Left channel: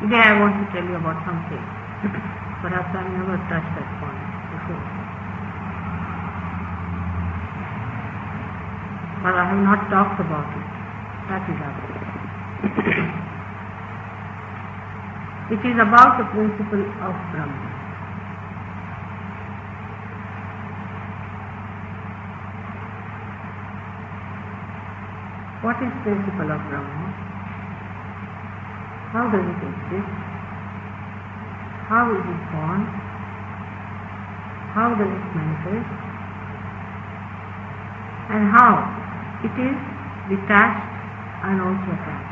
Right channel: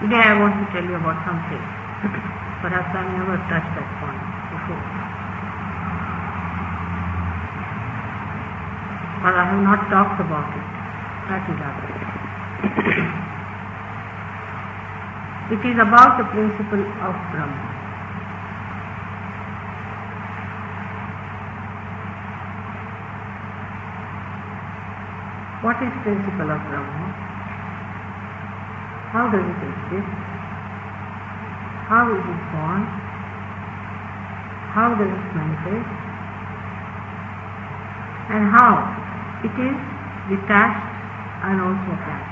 Today I want to tell you about something. Perhaps I never touched that point before. But I have not talked about it. That is it. It is about the principle of Brahma. What is principle of Brahma? How does it exist? How is it born? How does it manifest? And how it is detached and also attached.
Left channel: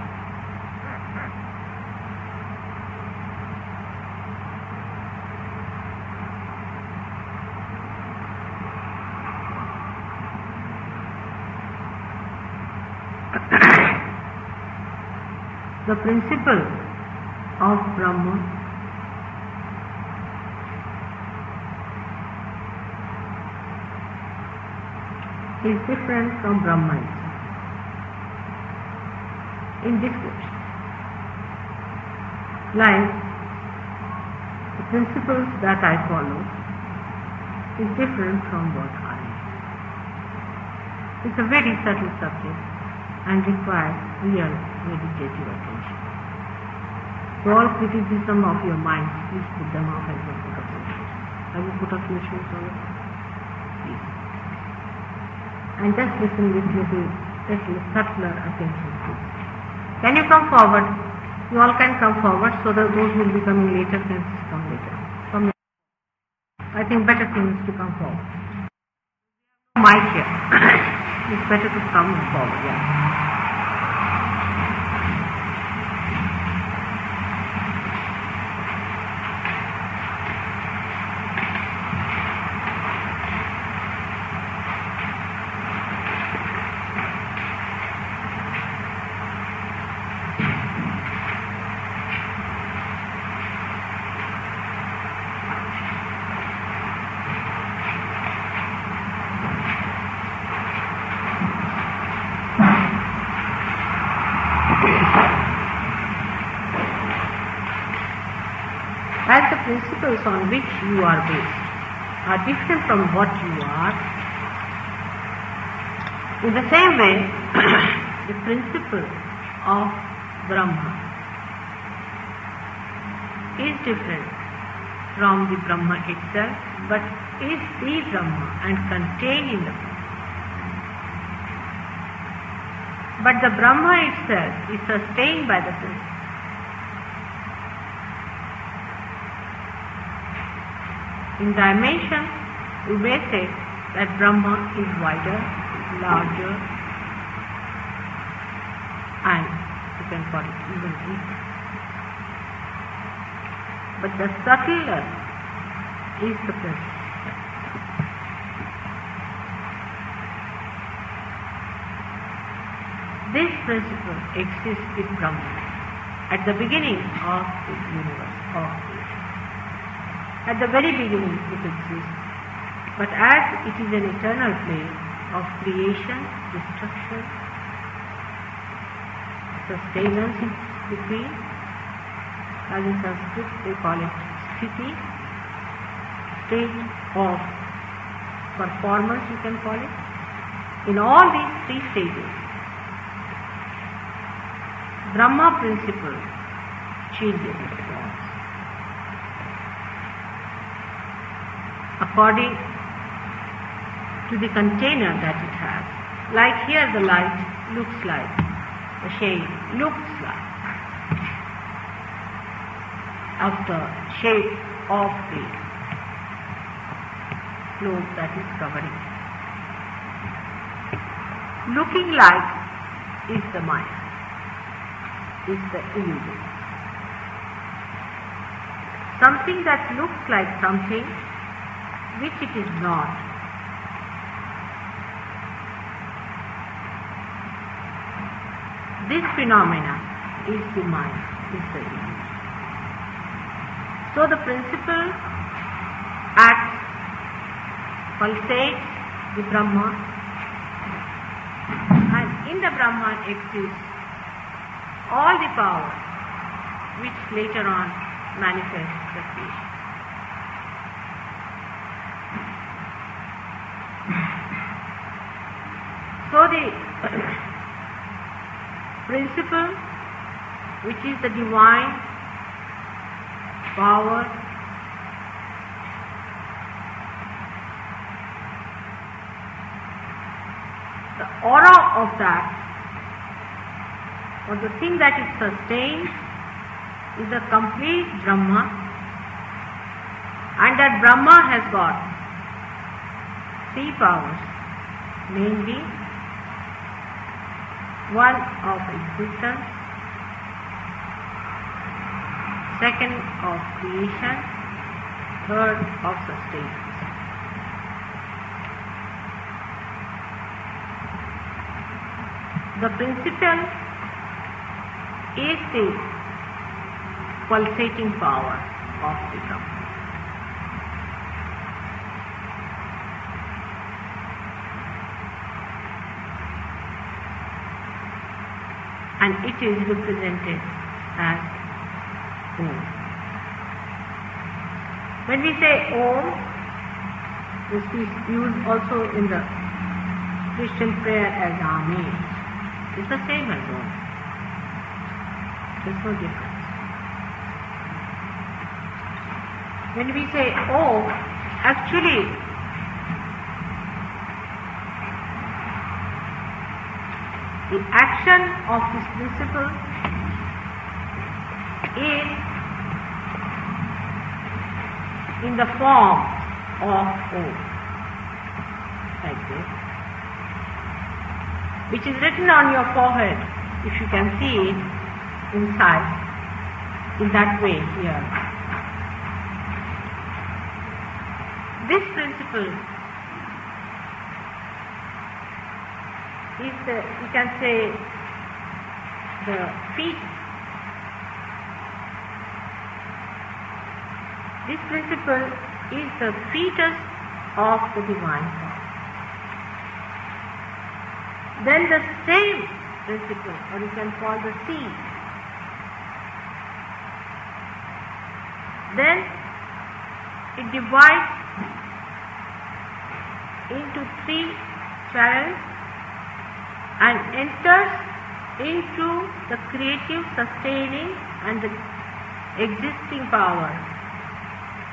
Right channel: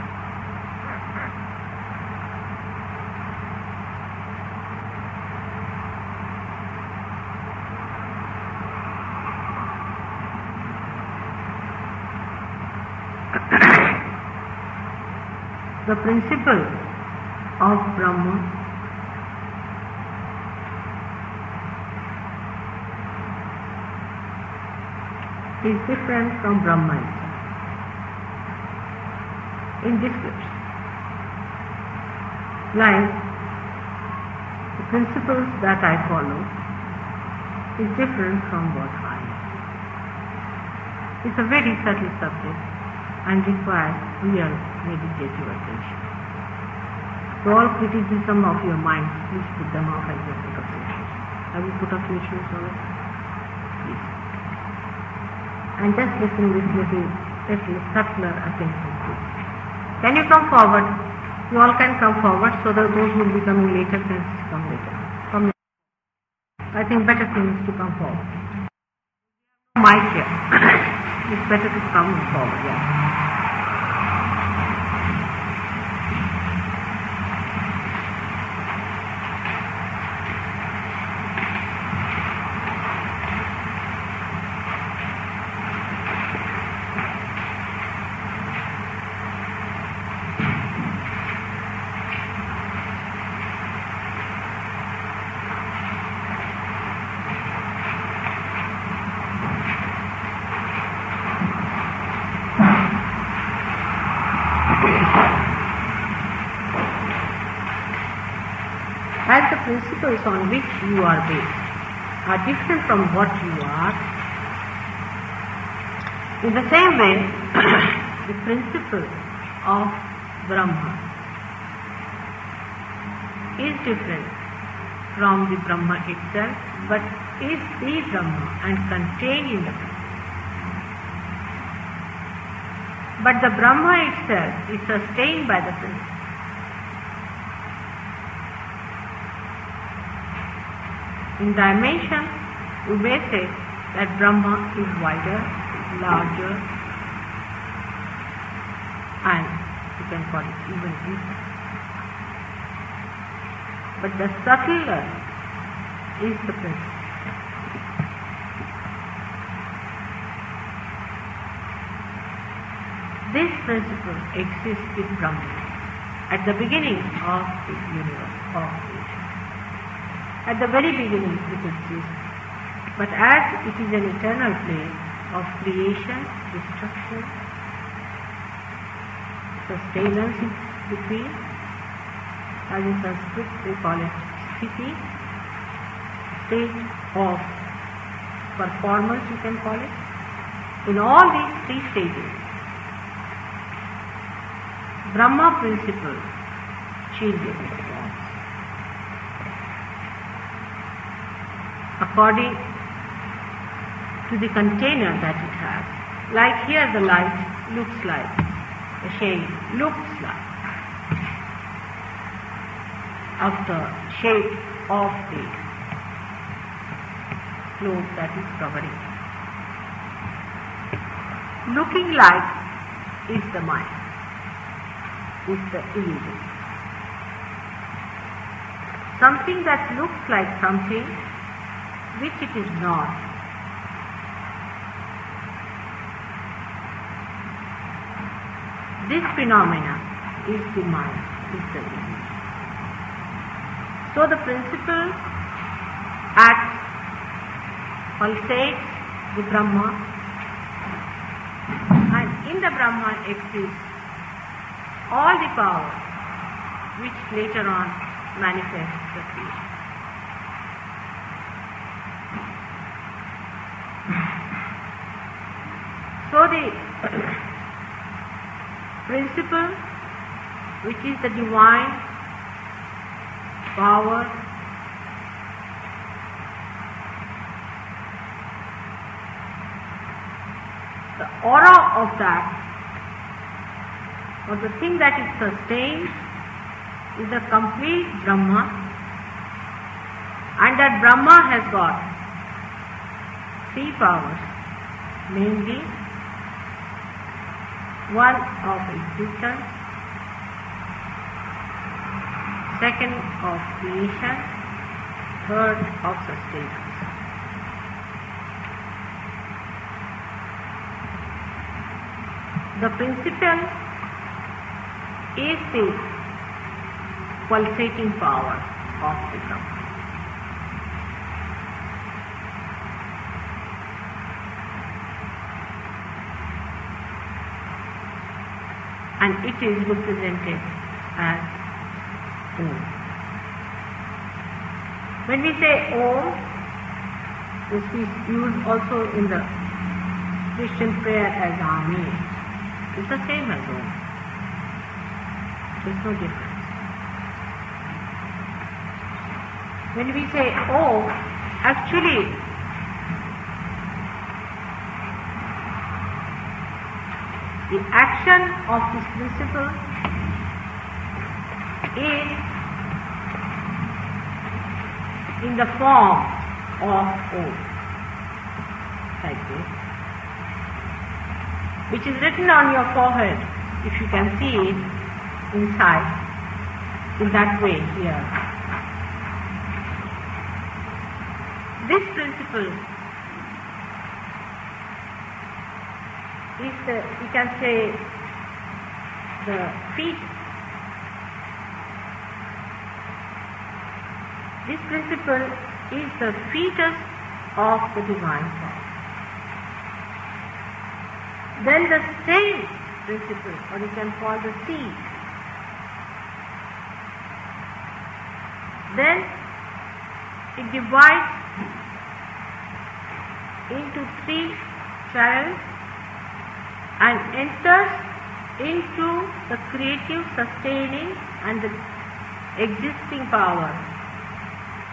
The principle of Brahma is different from Brahman in this way. Like the principles that I follow is different from what I am. It's a very subtle subject and requires real meditative attention. So all criticism of your mind, please put them off and just put up switches. Have you put up switches on it? Please. And just listen with little subtler attention. Can you come forward? You all can come forward so that those who will be coming later can come later. Come later. I think better thing is to come forward. Mic here. It's better to come forward, yeah. As the principles on which you are based are different from what you are, in the same way, the principle of Brahma is different from the Brahma itself, but is the Brahma and contained in the Brahma. But the Brahma itself is sustained by the principle. In dimension, we may say that Brahma is wider, larger, and you can call it even deeper. But the subtler is the principle. This principle exists in Brahma at the beginning of the universe, of creation. At the very beginning it exists, but as it is an eternal plane of creation, destruction, sustenance in between, as in Sanskrit they call it sthiti, state of performance you can call it. In all these three stages, Brahma principle changes according to the container that it has. Like here the light looks like, the shade looks like of the shape of the cloth that is covering. Looking like is the mind, is the illusion. Something that looks like something which it is not. This phenomena is the mind, is the illusion. So the principle acts, pulsates the Brahma, and in the Brahman exists all the power which later on manifests the creation. So the principle, which is the divine power, the aura of that, or the thing that it sustains, is the complete Brahma, and that Brahma has got 3 powers, namely one of existence, second of creation, third of sustenance. The principle is the pulsating power of the Brahma. And it is represented as Om. When we say Om, this is used also in the Christian prayer as Amen. It's the same as Om. There's no difference. When we say Om, actually the action of this principle is in the form of Om, like this, which is written on your forehead, if you can see it inside, in that way here. This principle is the, you can say, the fetus. This principle is the fetus of the divine power. Then the same principle, or you can call the seed, then it divides into 3 channels and enters into the creative, sustaining and the existing power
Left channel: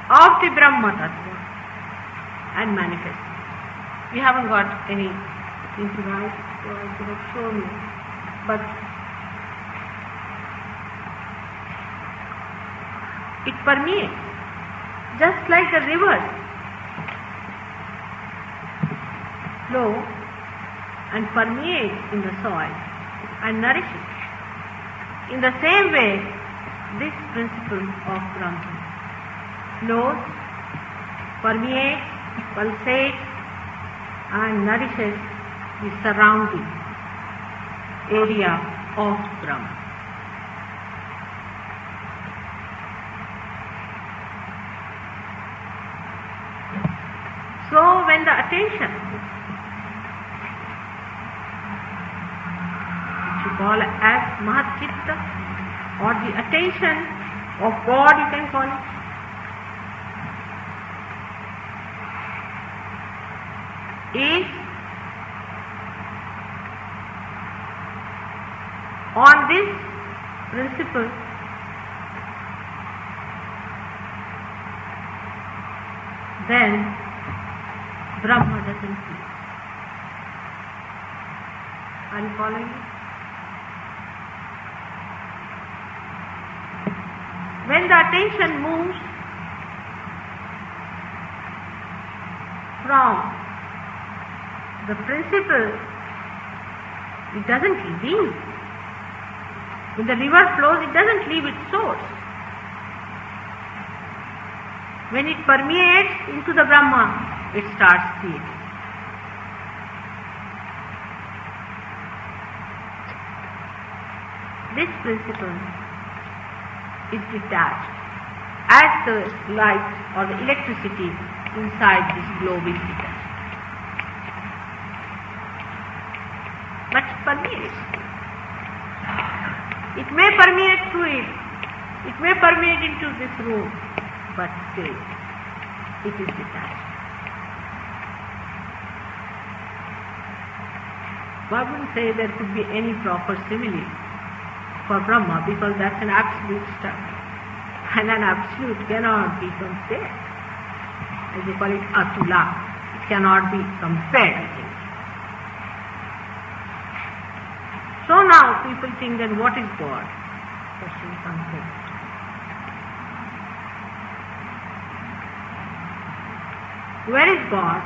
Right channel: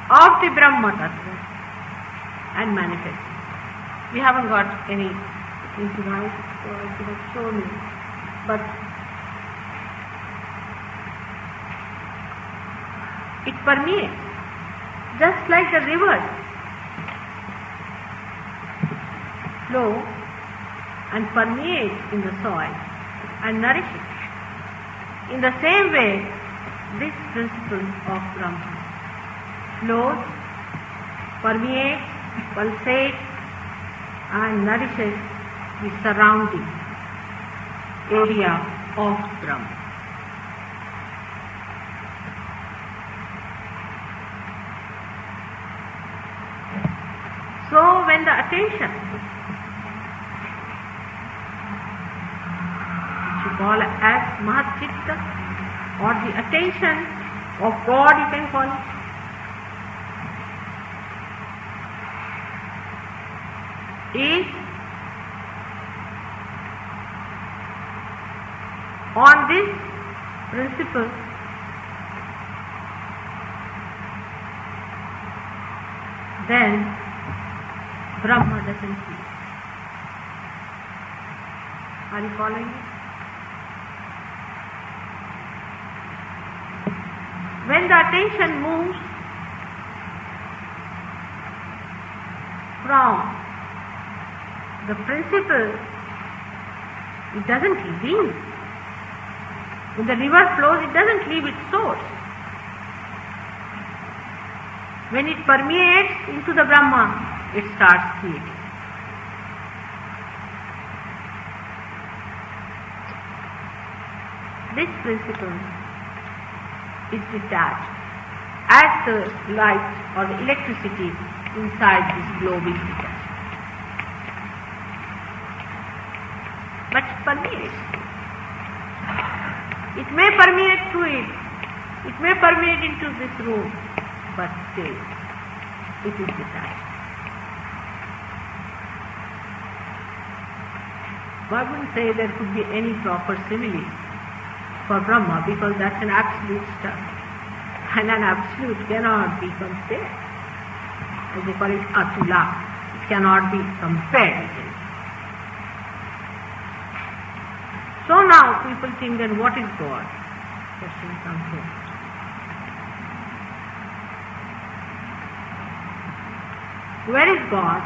of the Brahma Tattva and manifests. We haven't got any thing to write, so I could have shown you, but it permeates, just like the rivers flow and permeate in the soil and nourish it. In the same way, this principle of Brahma flows, permeates, pulsates and nourishes the surrounding area of Brahma. So when the attention, which you call as Mahat Chitta, or the attention of God, you can call it, is on this principle, then Brahma doesn't cease. Are you following me? When the attention moves from the principle, it doesn't leave. When the river flows, it doesn't leave its source. When it permeates into the Brahma, it starts creating. This principle is detached as the light or the electricity inside this glowing heater. But it permeates. It may permeate through it It may permeate into this room, but still, it is detached. I wouldn't say there could be any proper simile for Brahma, because that's an absolute stuff. And an absolute cannot be compared. As they call it atula. It cannot be compared. So now people think that what is God? Question comes here. Where is God?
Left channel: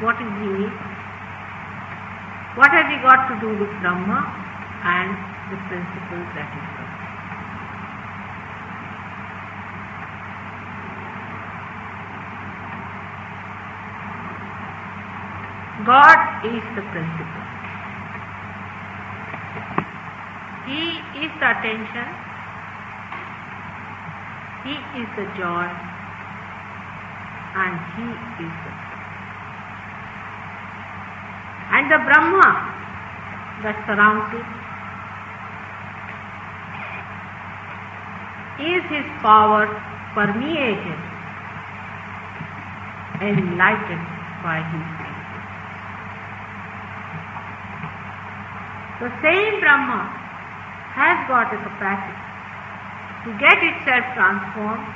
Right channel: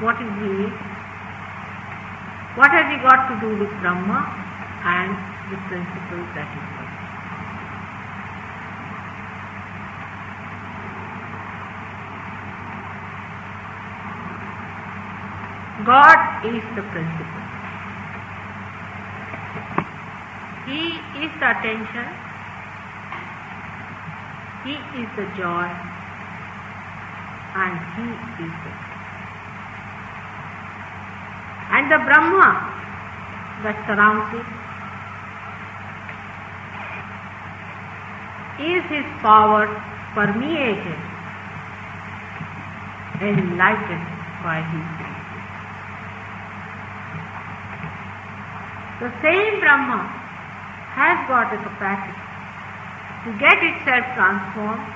What is He? What has He got to do with Brahma and the principle that is God? God is the principle. He is the attention. He is the joy. And He is the truth. And the Brahma that surrounds it is His power permeated, enlightened by His. The same Brahma has got the capacity to get itself transformed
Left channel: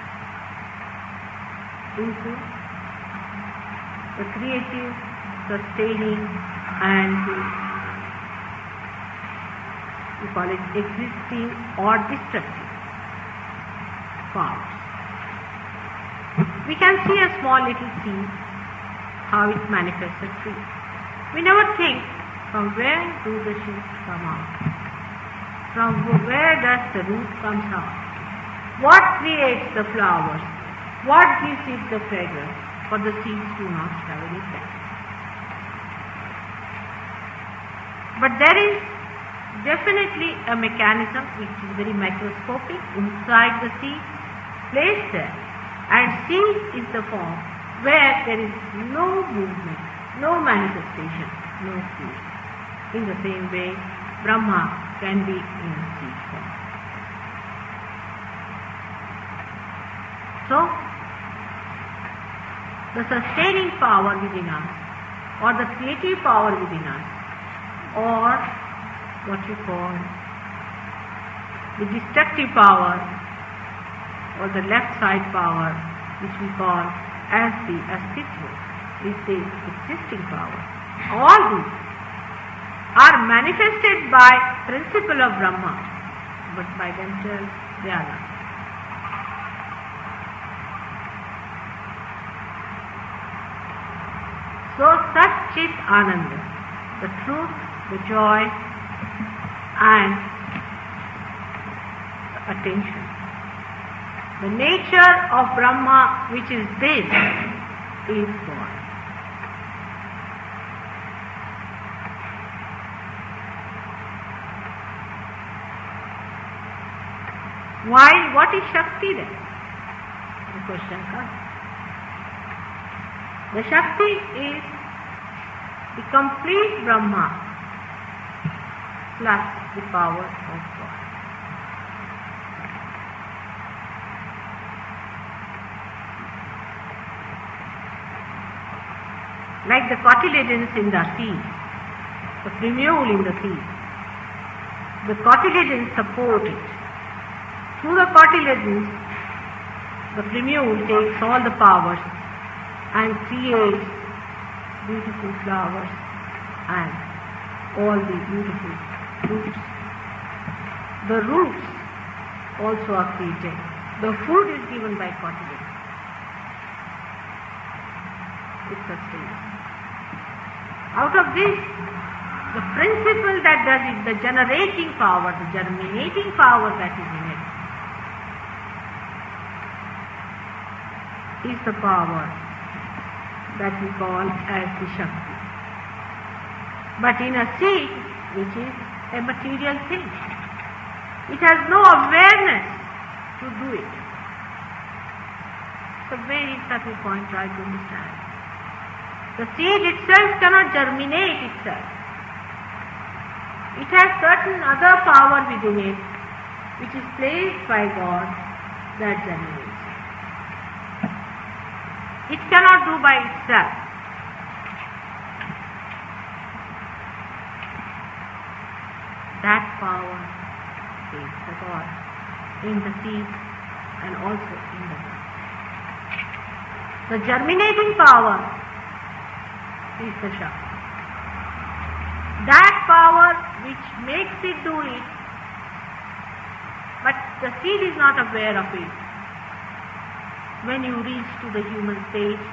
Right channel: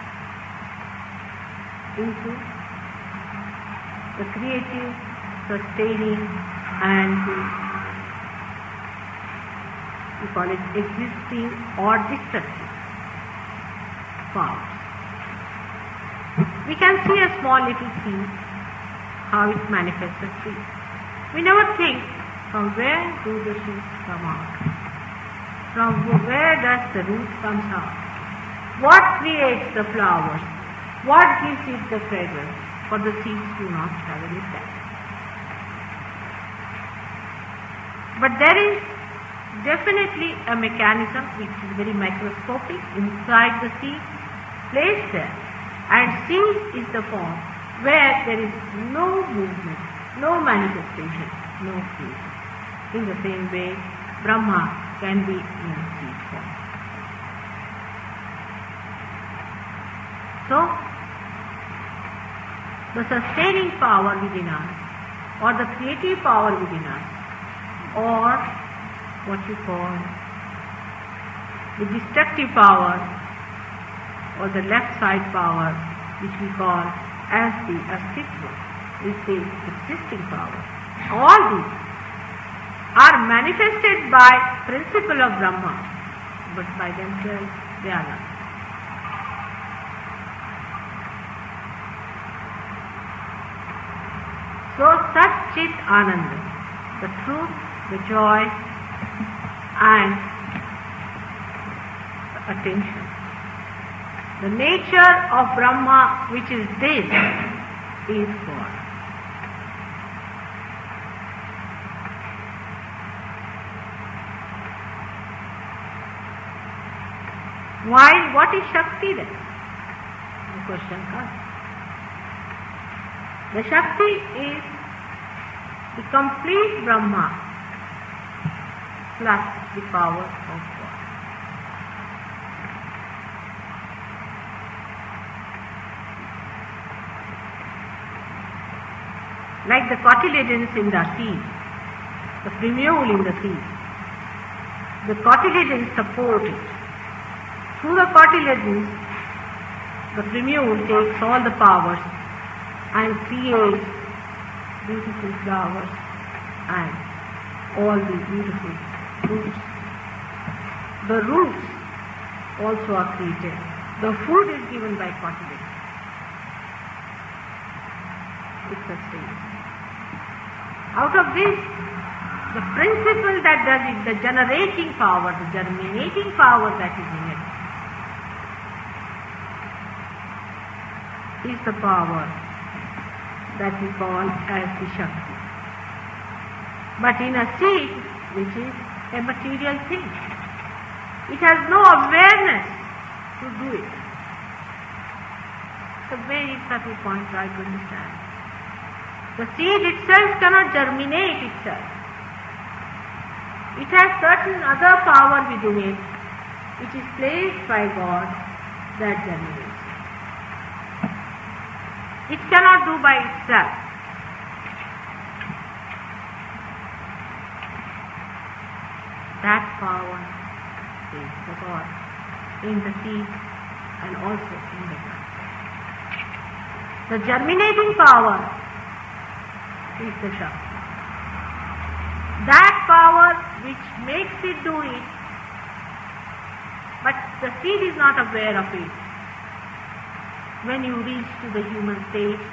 into the creative, sustaining, and we call it existing or destructive powers. We can see a small little seed, how it manifests a tree. We never think, from where do the seeds come out? From where does the root come out? What creates the flowers? What gives it the fragrance? For the seeds do not travel it back. But there is definitely a mechanism which is very microscopic inside the seed, placed there. And seed is the form where there is no movement, no manifestation, no creation. In the same way, Brahma can be in seed form. So, the sustaining power within us, or the creative power within us, or what you call the destructive power, or the left side power, which we call as the astitva, is the existing power. All these are manifested by principle of Brahma, but by themselves they are not. So Sat Chit Ananda, the truth, the joy, and the attention. The nature of Brahma, which is this, is God. While what is Shakti then? The question comes. The Shakti is the complete Brahma plus the power of God. Like the cotyledons in the seed, the primule in the seed, the cotyledons support it. Through the cotyledons, the primule takes all the powers and creates beautiful flowers and all the beautiful fruits. The roots also are created. The food is given by cotyledons. It sustains. Out of this, the principle that there is the generating power, the germinating power that is in it, is the power that we call as the Shakti. But in a seed, which is a material thing, it has no awareness to do it. It's a very subtle point try to understand. The seed itself cannot germinate itself. It has certain other power within it which is placed by God, that germinates. It cannot do by itself. That power is the God in the seed and also in the ground. The germinating power is the Shakti. That power which makes it do it, but the seed is not aware of it. When you reach to the human stage,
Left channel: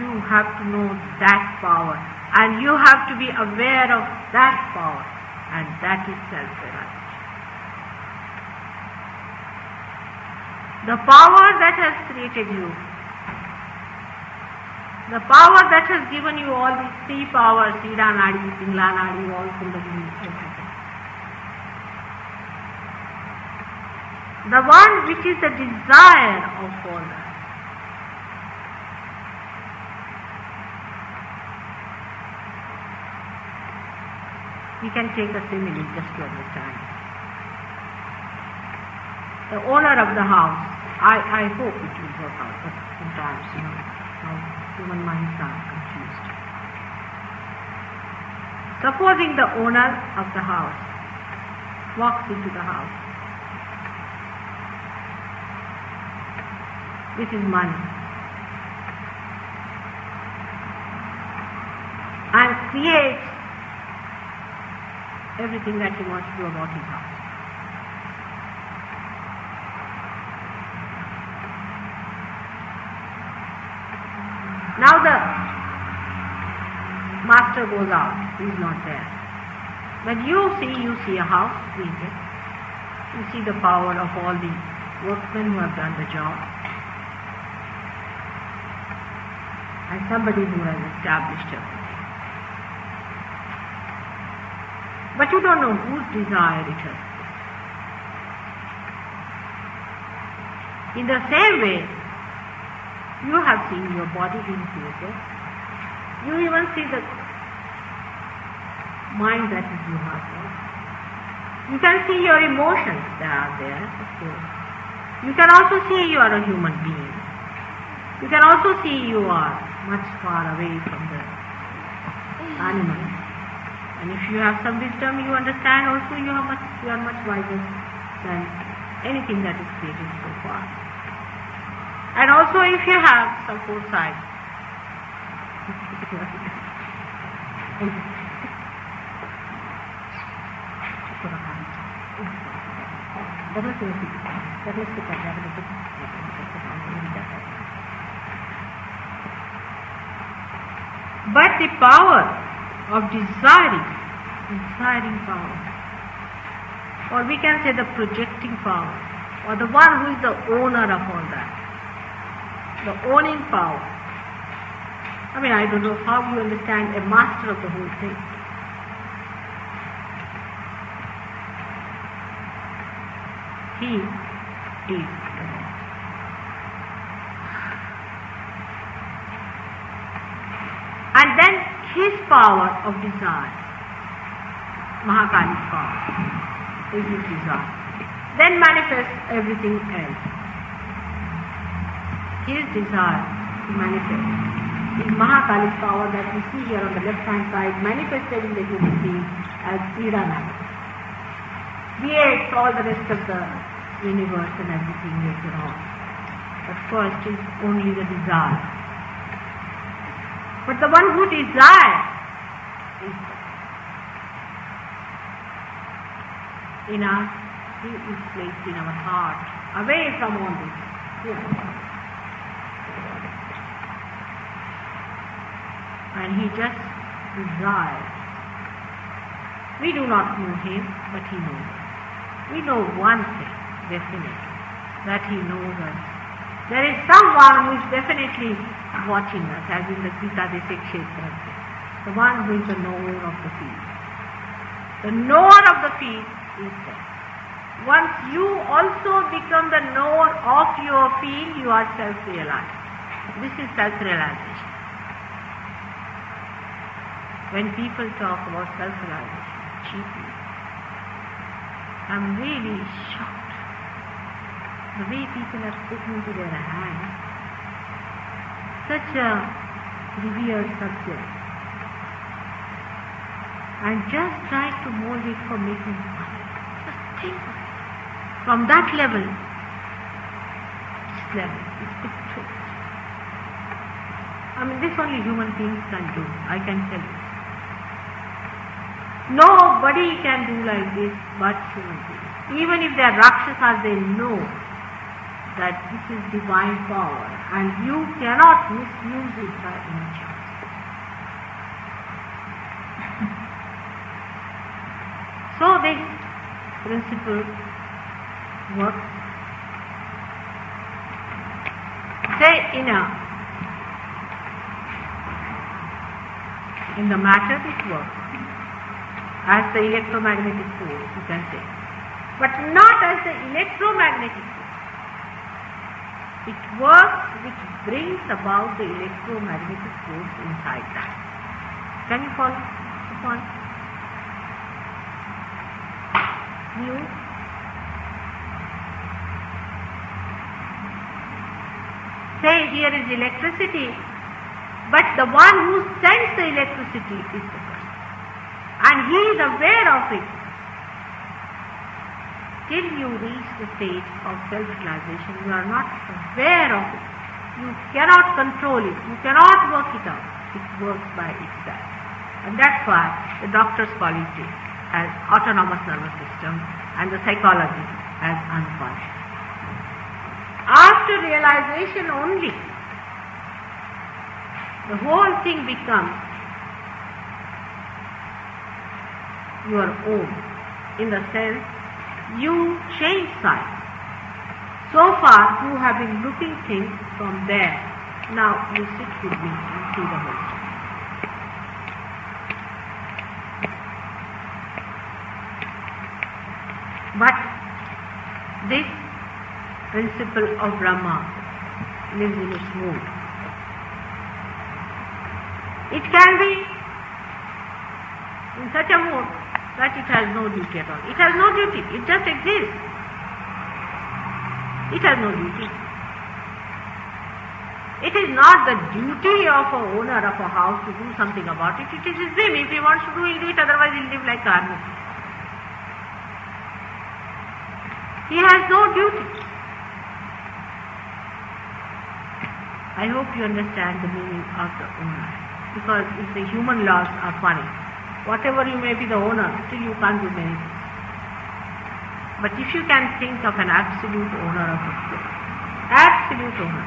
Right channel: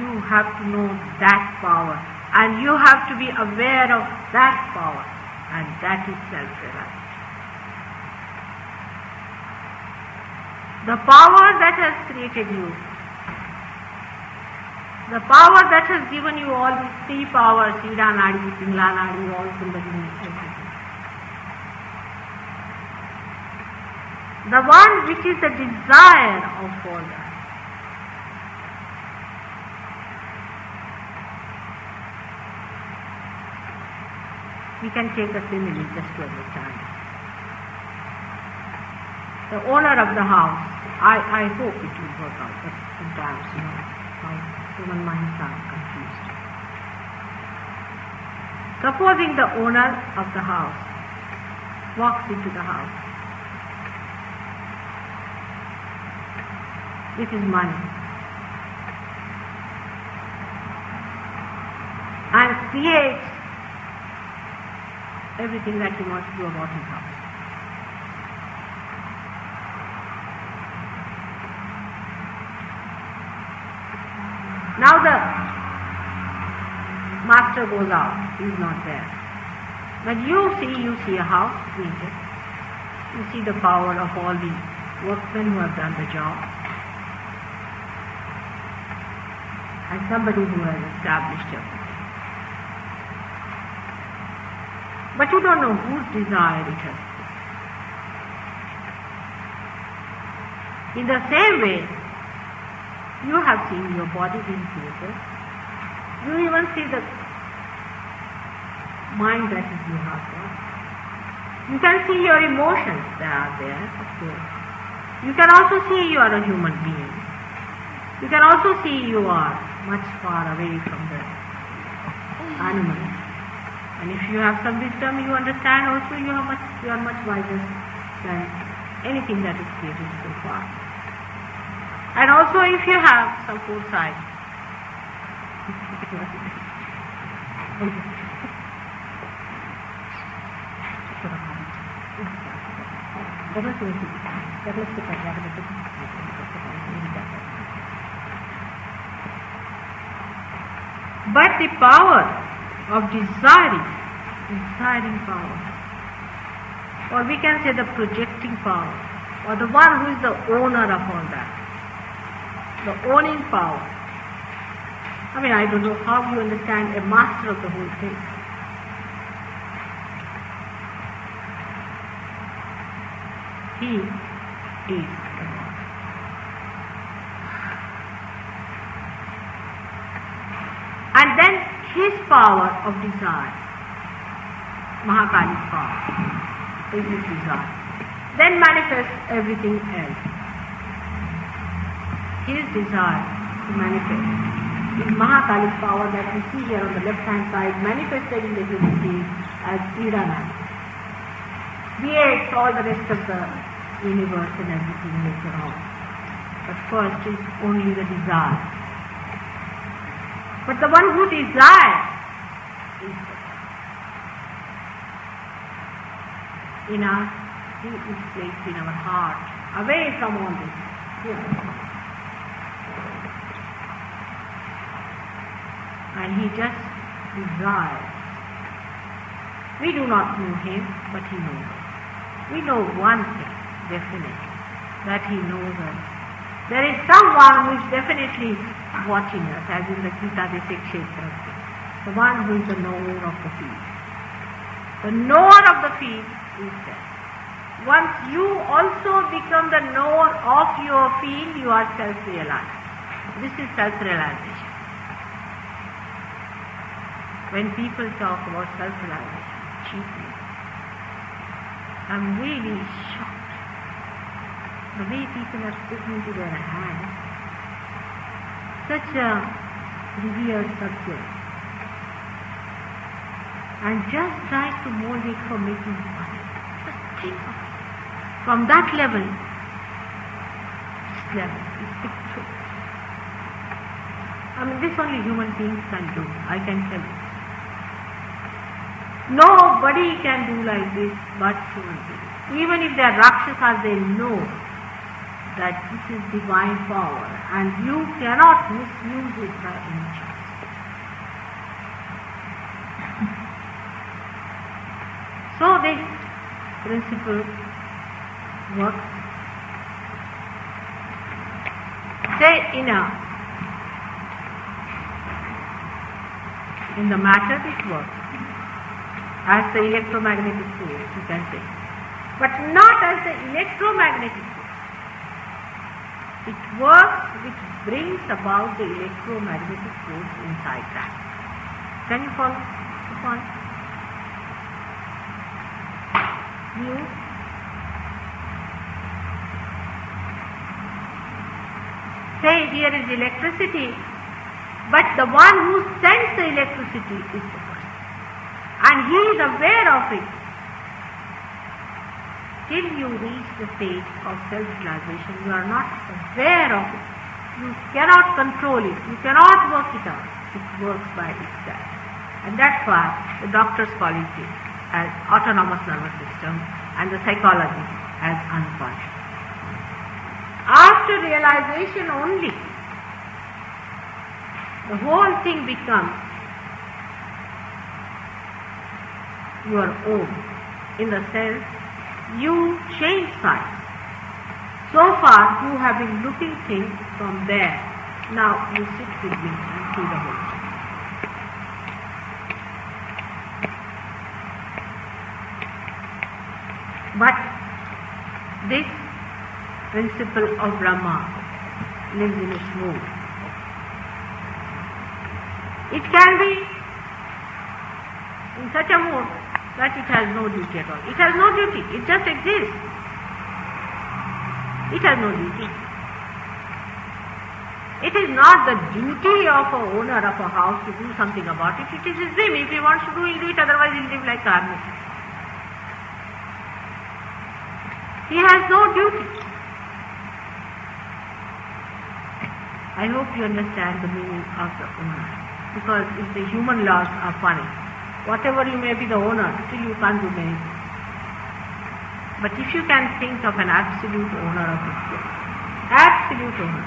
you have to know that power, and you have to be aware of that power, and that is self-realization. The power that has created you, the power that has given you all these three powers, Ida Nadi, Pingla Nadi, all Kundalini, everything. The one which is the desire of all that. We can take a simile just to understand. The owner of the house, I hope it will work out, but sometimes, how human minds are confused. Supposing the owner of the house walks into the house with his money and creates everything that he wants to do about his house. Now the master goes out, he is not there. When you see a house created, you see the power of all the workmen who have done the job, and somebody who has established everything. But you don't know whose desire it has been. In the same way, you have seen your body being created. You even see the mind that you have got. You can see your emotions that are there, of course. You can also see you are a human being. You can also see you are much far away from the animals. And if you have some wisdom, you understand also you are much wiser than anything that is created so far. And also if you have some foresight, but the power of desiring power, or we can say the projecting power, or the one who is the owner of all that, the owning power. I mean, I don't know how you understand a master of the whole thing. He is the Lord. And then his power of desire, Mahakali's power, is his desire, then manifests everything else. His desire to manifest is Mahakali's power that we see here on the left hand side, manifested in the human being as Iranadi. Creates all the rest of the universe and everything later on. But first is only the desire. But the one who desires is in us, he is placed in our heart, away from all this. And he just desires. We do not know him, but he knows us. We know one thing, definitely, that he knows us. There is someone who is definitely watching us, as in the Gita Kshetra, the one who is the knower of the field. The knower of the field is there. Once you also become the knower of your field, you are self-realized. This is self-realization. When people talk about self-realization cheaply, I'm really shocked. The way people are taking to their hands such a revered subject and just try to mold it for making money. Just think of it. From that level, this level is good too. I mean, this only human beings can do, I can tell you. Nobody can do like this but human beings. Even if they are Rakshasas, they know that this is divine power and you cannot misuse it by any chance. So this principle works. Say in the matter it works as the electromagnetic force, you can say, but not as the electromagnetic force. It works which brings about the electromagnetic force inside that. Can you follow the point? You? Say here is electricity, but the one who sends the electricity is the person. And he is aware of it. Till you reach the stage of self-realization, you are not aware of it. You cannot control it. You cannot work it out. It works by itself. And that's why the doctors call it as autonomous nervous system and the psychology as unconscious. After realization only, the whole thing becomes your own, in the sense you change size. So far you have been looking things from there. Now you sit with me and see the whole thing. But this principle of Brahma lives in its mood. It can be in such a mood that it has no duty at all. It has no duty. It just exists. It has no duty. It is not the duty of an owner of a house to do something about it. It is his whim. If he wants to do, he'll do it. Otherwise, he'll live like a hermit. He has no duty. I hope you understand the meaning of the owner. Because if the human laws are funny, whatever you may be the owner, still you can't do many things. But if you can think of an absolute owner of a place, absolute owner,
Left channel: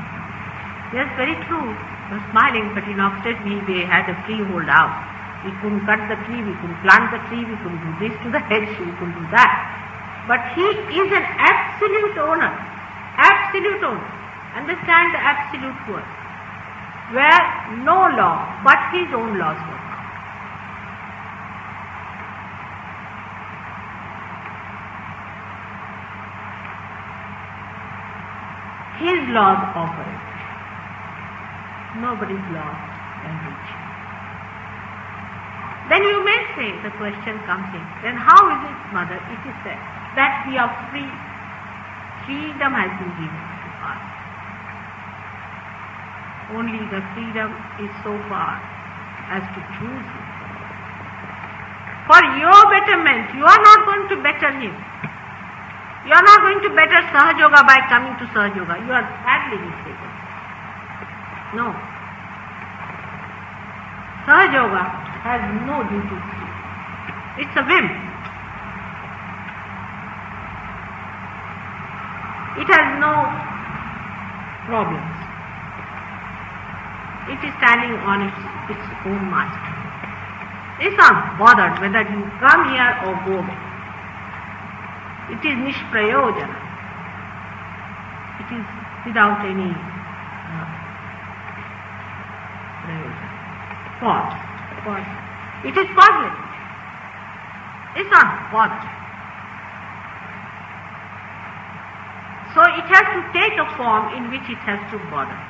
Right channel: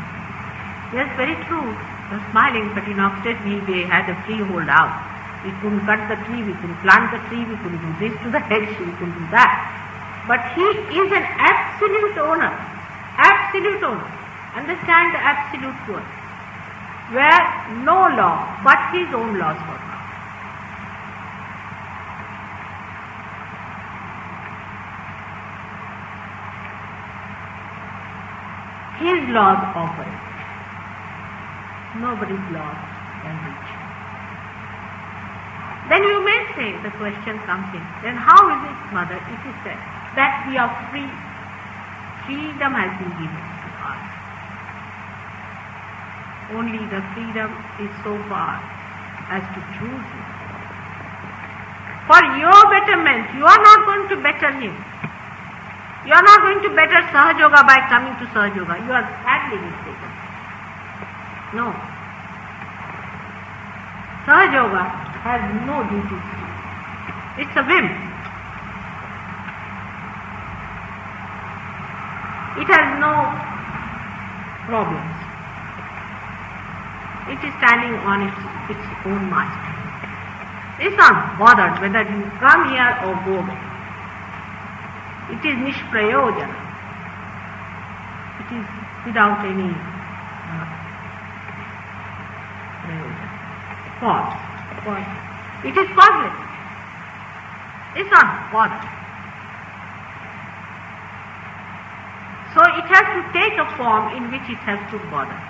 yes, very true, you're smiling, but in Oxfordshire they had a freehold house. We couldn't cut the tree, we couldn't plant the tree, we couldn't do this to the hedge, we couldn't do that. But he is an absolute owner, absolute owner. Understand the absolute word, where no law but his own laws work. His laws operate. Nobody's law can reach. Then you may say, the question comes in, then how is it, Mother, it is said that we are free? Freedom has been given to us. Only the freedom is so far as to choose it. For your betterment, you are not going to better him. You are not going to better Sahaja Yoga by coming to Sahaja Yoga. You are badly mistaken. No. Sahaja Yoga has no duties. It's a whim. It has no problems. It is standing on its own master. It's not bothered whether you come here or go there. It is nishprayojana. It is without any fault. It is causeless. It's not bothered. So it has to take a form in which it has to bother.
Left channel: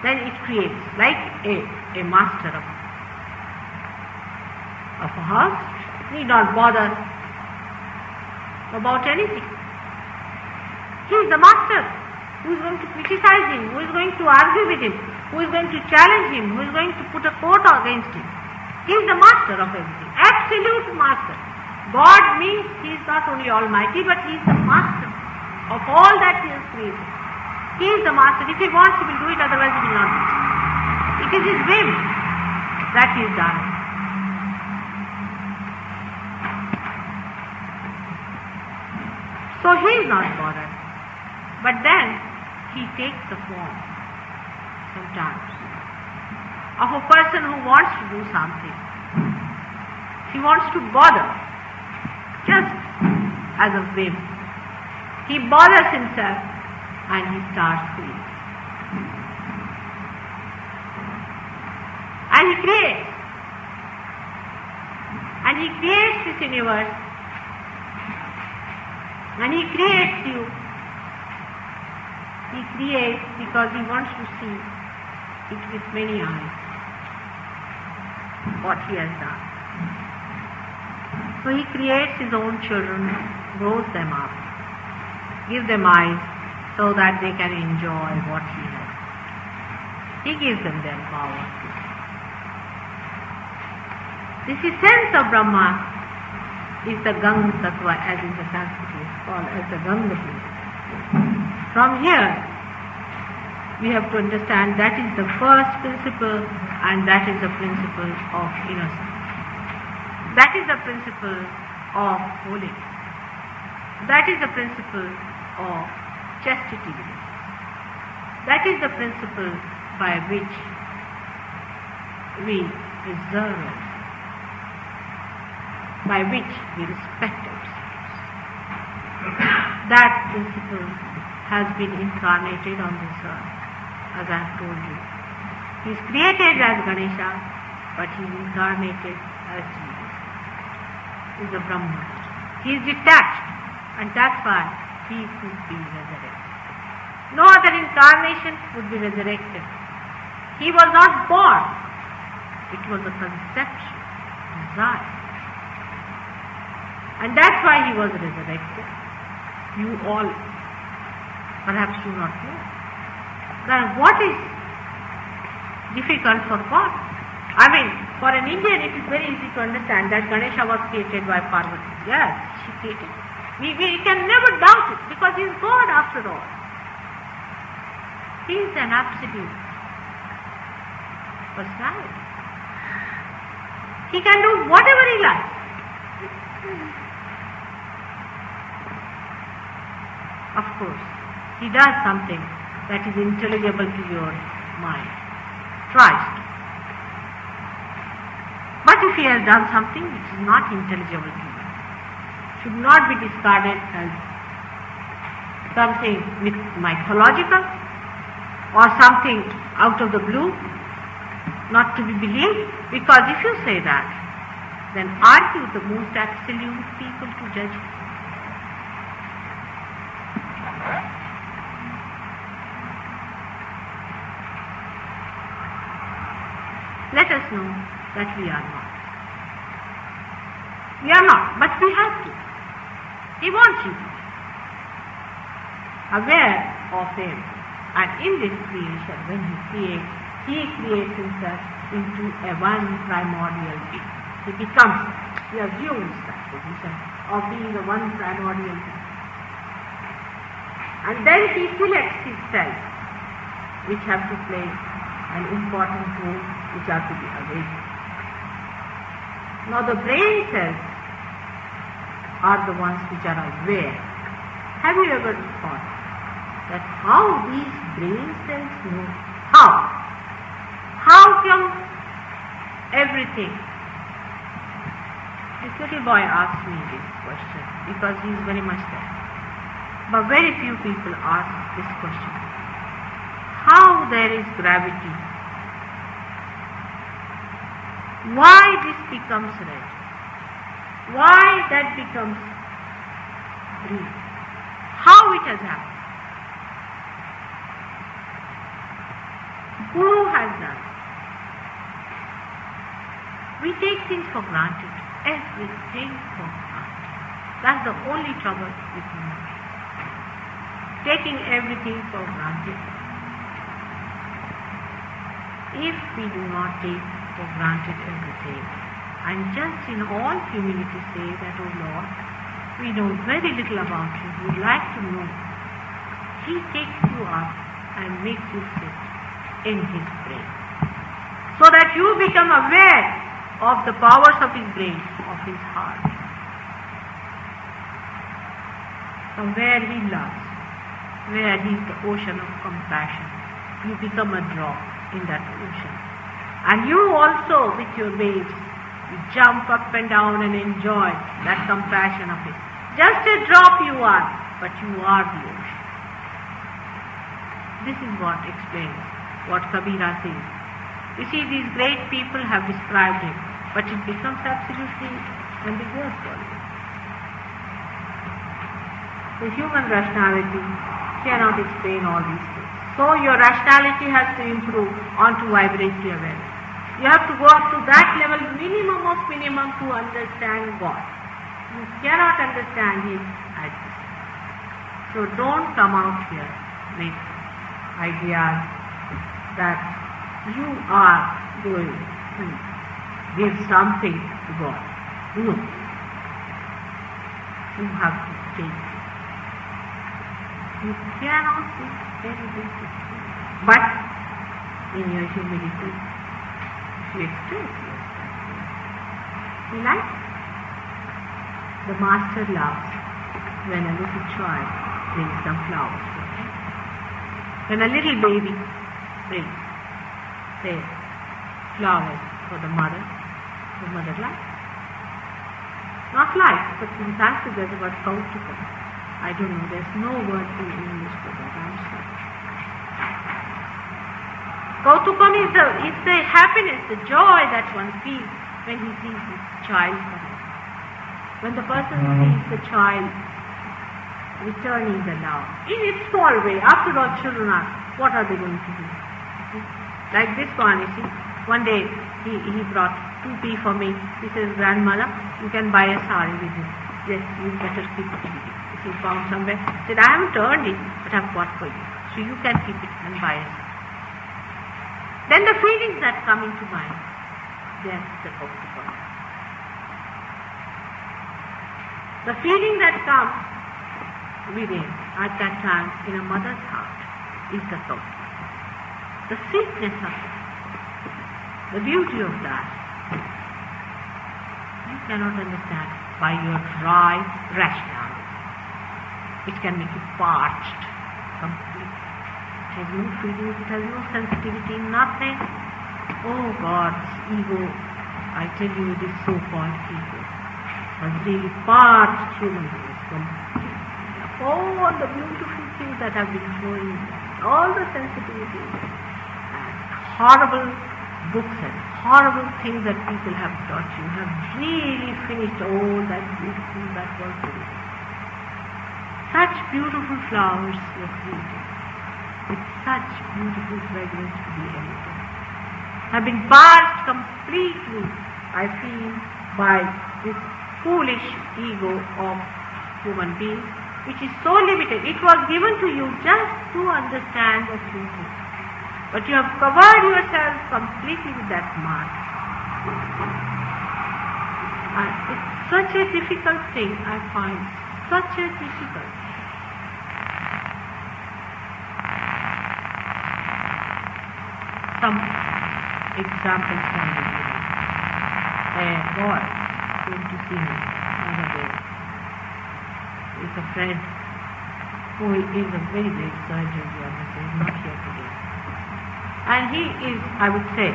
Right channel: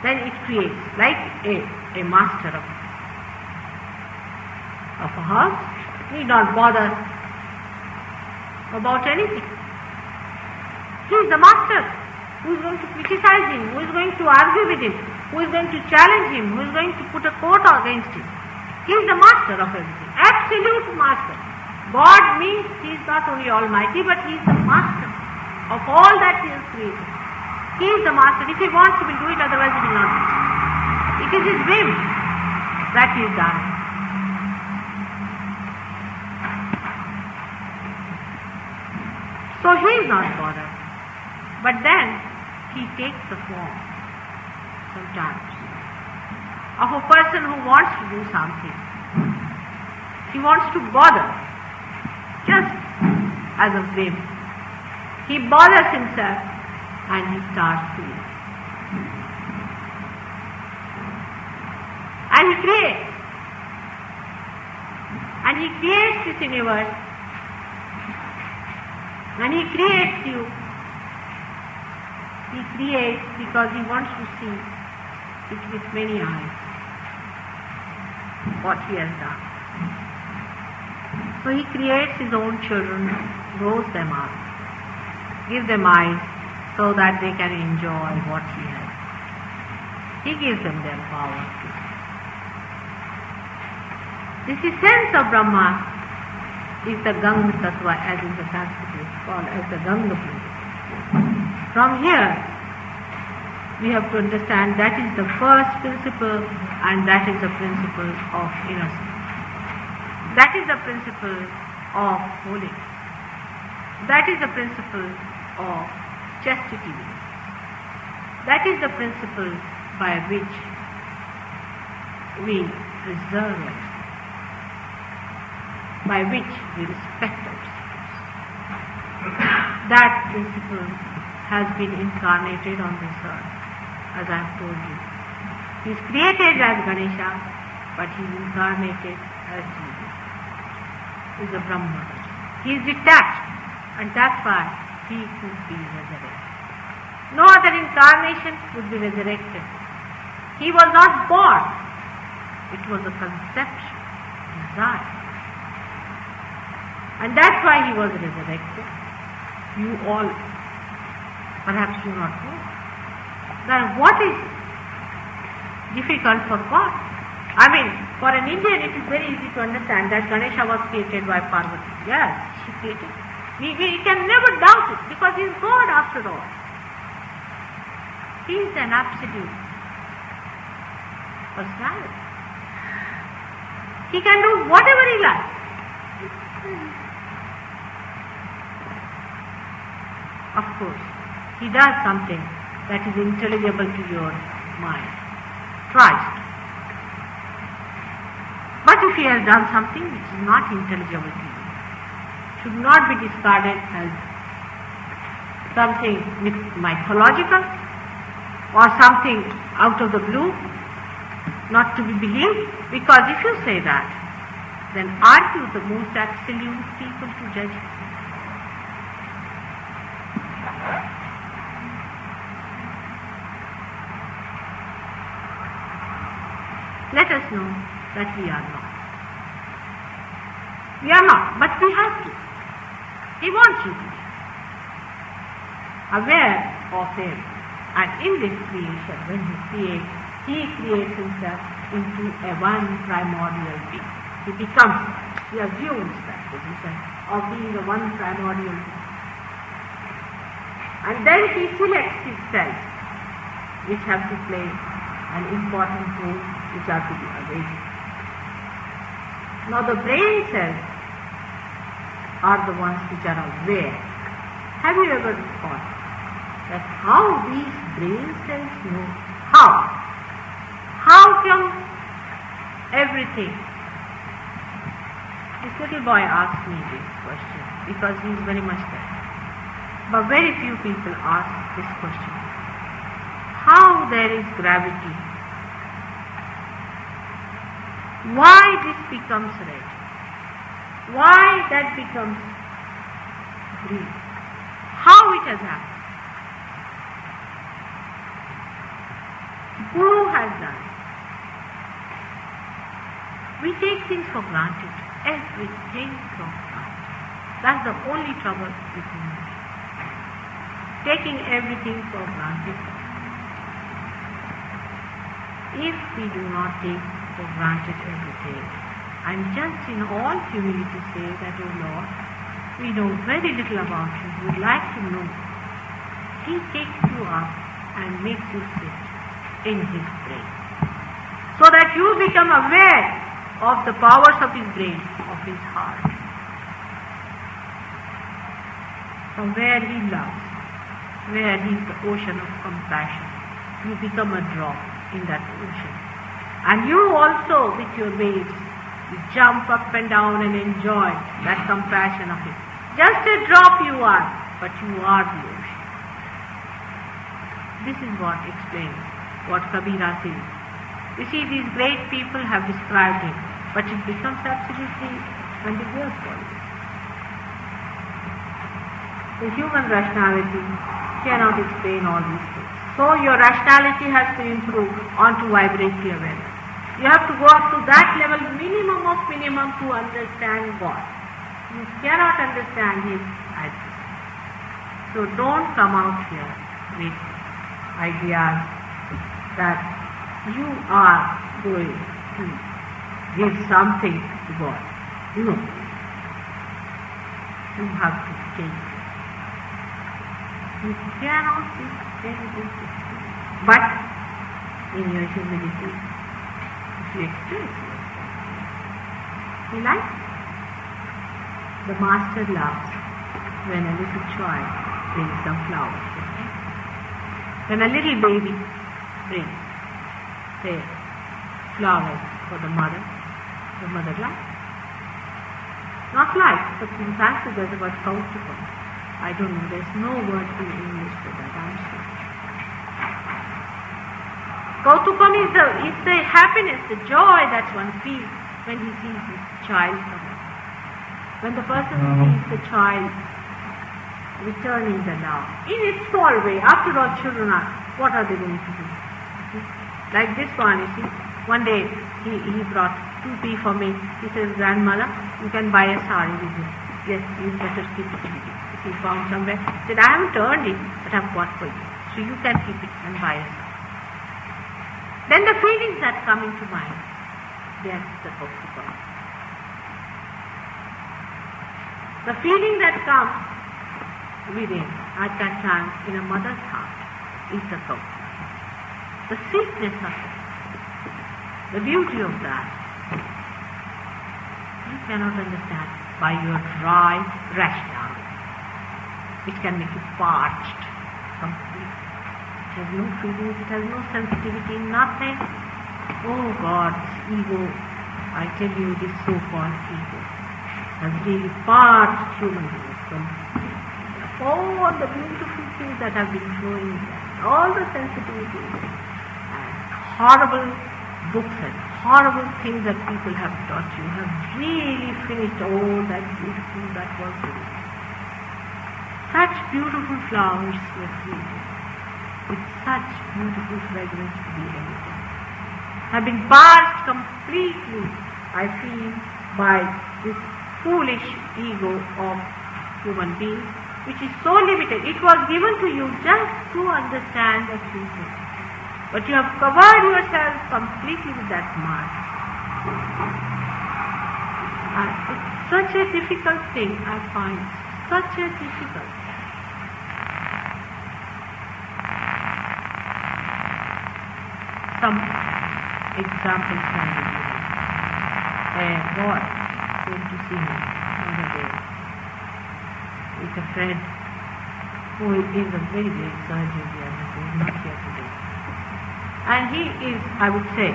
Then it creates, like a master of a house, Need not bother about anything. He is the master. Who is going to criticize him? Who is going to argue with him? Who is going to challenge him? Who is going to put a court against him? He is the master of everything. Absolute master. God means He is not only almighty, but He is the master of all that He has created. He is the master. If He wants, He will do it, otherwise He will not do it. It is His will that He is done. So He is not bothered. But then He takes the form sometimes of a person who wants to do something. He wants to bother, just as a whim. He bothers himself and he starts doing. And he creates. And he creates this universe. And he creates you. He creates because he wants to see it with many eyes what he has done. So he creates his own children, grows them up, gives them eyes so that they can enjoy what he has. He gives them their power. This essence of Brahma is the Gang Tattva, as in the Sanskrit is called as the Gang Tattva. From here, we have to understand that is the first principle, and that is the principle of innocence. That is the principle of holiness. That is the principle of chastity. That is the principle by which we preserve ourselves, by which we respect ourselves. That principle has been incarnated on this earth, as I have told you. He is created as Ganesha, but he is incarnated as Jesus. He is a Brahma. He is detached, and that's why he could be resurrected. No other incarnation could be resurrected. He was not born. It was a conception, desire. And that's why he was resurrected. You all perhaps do not know. Now what is difficult for God? I mean, for an Indian it is very easy to understand that Ganesha was created by Parvati. Yes, she created. We can never doubt it because he is God after all. He is an absolute personality. He can do whatever he likes. Of course, he does something that is intelligible to your mind. Tries. But if he has done something which is not intelligible to you, should not be discarded as something mythological or something out of the blue, not to be believed, because if you say that, then aren't you the most absolute people to judge? Let us know that we are not. We are not, but we have to. He wants you to be aware of it. And in this creation, when he creates himself into a one primordial being. He becomes, he assumes that position of being the one primordial being. And then he selects his cells, which have to play an important role, which have to be awakened. Now the brain cells are the ones which are aware. Have you ever thought that how these brain cells know? How come everything? This little boy asked me this question because he is very much there. But very few people ask this question. How there is gravity? Why this becomes red? Why that becomes green? How it has happened? Who has done it? We take things for granted. everything for granted. That's the only trouble with human. Taking everything for granted. If we do not take for granted everything, and just in all humility say that, oh Lord, we know very little about you, we would like to know. He takes you up and makes you sit in His brain, so that you become aware of the powers of His brain, of His heart. From where He loves, where He is the ocean of compassion, you become a drop in that ocean. And you also, with your waves, you jump up and down and enjoy that compassion of it. Just a drop you are, but you are the ocean. This is what explains what Kabira says. You see, these great people have described it, but it becomes absolutely ambiguous for you. So human rationality cannot explain all these things. So your rationality has to improve onto vibratory awareness. You have to go up to that level, minimum of minimum, to understand God. You cannot understand His existence. So don't come out here with ideas that you are going to give something to God. No. You have to take it. You cannot see anything. But in your humility, you express yourself. You like? The master laughs when a little child brings some flowers to him. When a little baby brings, say, flowers for the mother laughs. Not like, but in fact there's a word kautukam. I don't know, there's no word in English for that, I'm sorry. Kautukam is the happiness, the joy that one feels when he sees his child come out. When the person sees the child returning the love, in its small way. After all, children are, what are they going to do? Like this one, you see, one day he brought 2 tea for me. He says, grandmother, you can buy a sari with it. Yes, you better keep it. He found somewhere. He said, I haven't earned it, but I've got for you. So you can keep it and buy it. Then the feelings that come into mind, they are the kautukam. The feeling that comes within at that time in a mother's heart is the kautukam. The sweetness of it, the beauty of that, you cannot understand by your dry rationality, which can make you parched completely. It has no feelings, it has no sensitivity, nothing. Oh God, this ego, I tell you, this so-called ego has really parched human beings completely. All the beautiful things that have been flowing there, all the sensitivities, and horrible books and horrible things that people have taught you have really finished all that beautiful that was there. Such beautiful flowers were created with such beautiful fragrance to be emitted, have been parched completely, I feel, by this foolish ego of human beings, which is so limited. It was given to you just to understand the truth. But you have covered yourself completely with that mask. And it's such a difficult thing, I find. Such a difficult. Some examples can be given. A boy came to see me on the day. It's a friend who is a very great surgeon here, who is not here today. And he is, I would say,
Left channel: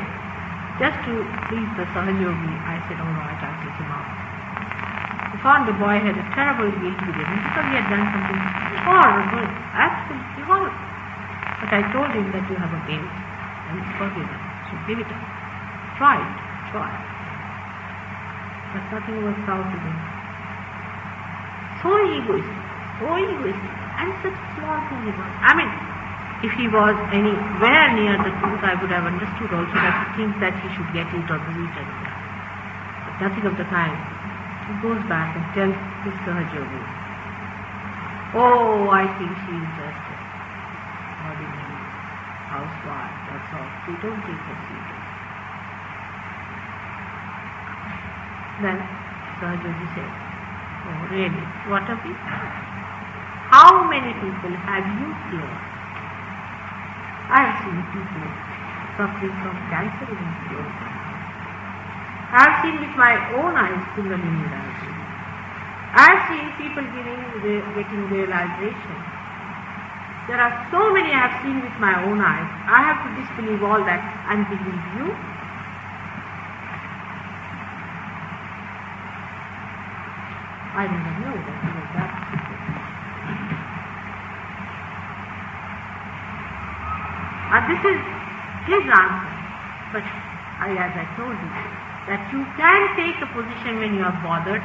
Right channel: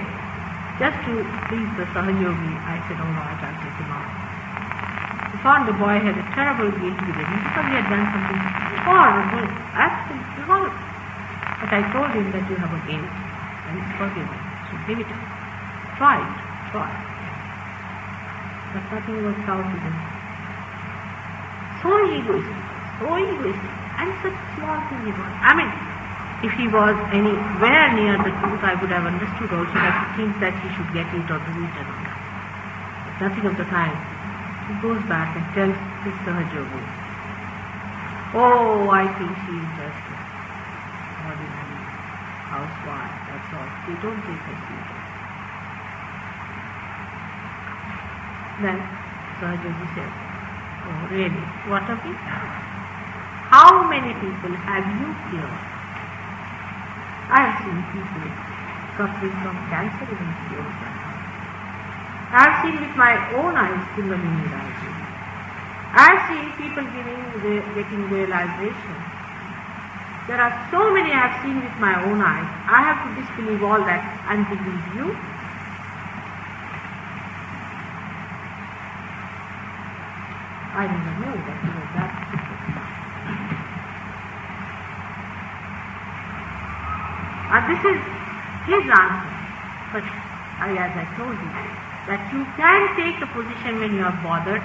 just to please the Sahayogi, I said, oh no, I can't take him out. We found the boy had a terrible guilt within him because he had done something horrible, absolutely horrible. But I told him that you have a guilt and it's forgiven, so give it up. Try it, try. But nothing works out with him. So egoistic, and such small thing he was. I mean, if he was anywhere near the truth, I would have understood also that he thinks that he should get it or do it or not. But nothing of the kind. He goes back and tells his Sahajogi, oh, I think she is just an ordinary housewife, that's all. We don't take her serious. Then Sahajogi said, oh, really? What of it? How many people have you cured? I have seen people suffering from cancer in cured. I have seen with my own eyes Kundalini rising. I have seen people getting realization. There are so many I have seen with my own eyes. I have to disbelieve all that and believe you. I never knew that you were that people. This is his answer. But as I told you, that you can take a position when you are bothered,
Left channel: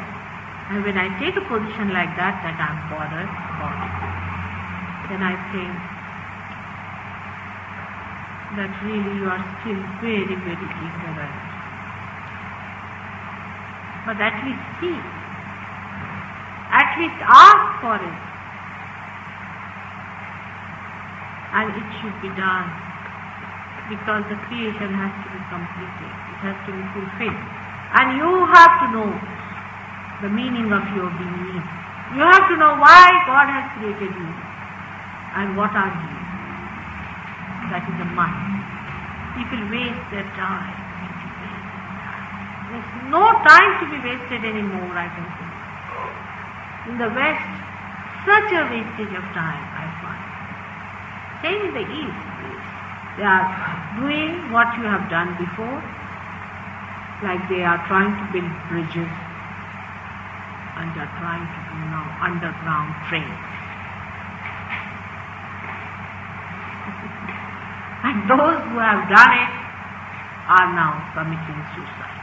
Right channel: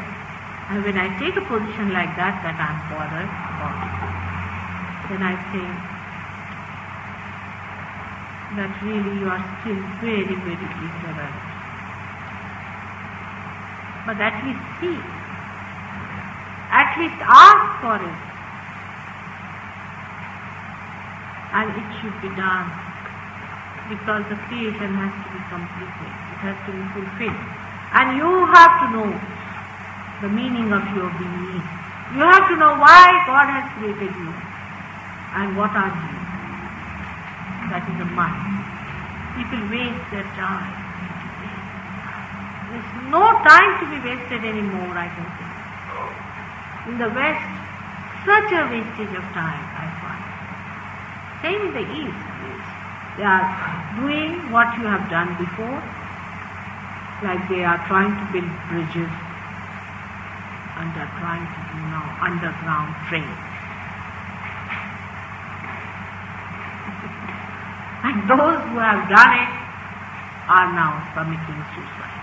and when I take a position like that I am bothered about it, then I think that really you are still very, very ignorant. But at least see, at least ask for it, and it should be done, because the creation has to be completed, it has to be fulfilled, and you have to know the meaning of your being. You have to know why God has created you and what are you. That is the mind. People waste their time. There's no time to be wasted anymore, I can say. In the West, such a wastage of time, I find. Same in the East. They are doing what you have done before, like they are trying to build bridges, and they are trying to do now underground trains. And those who have done it are now committing suicide.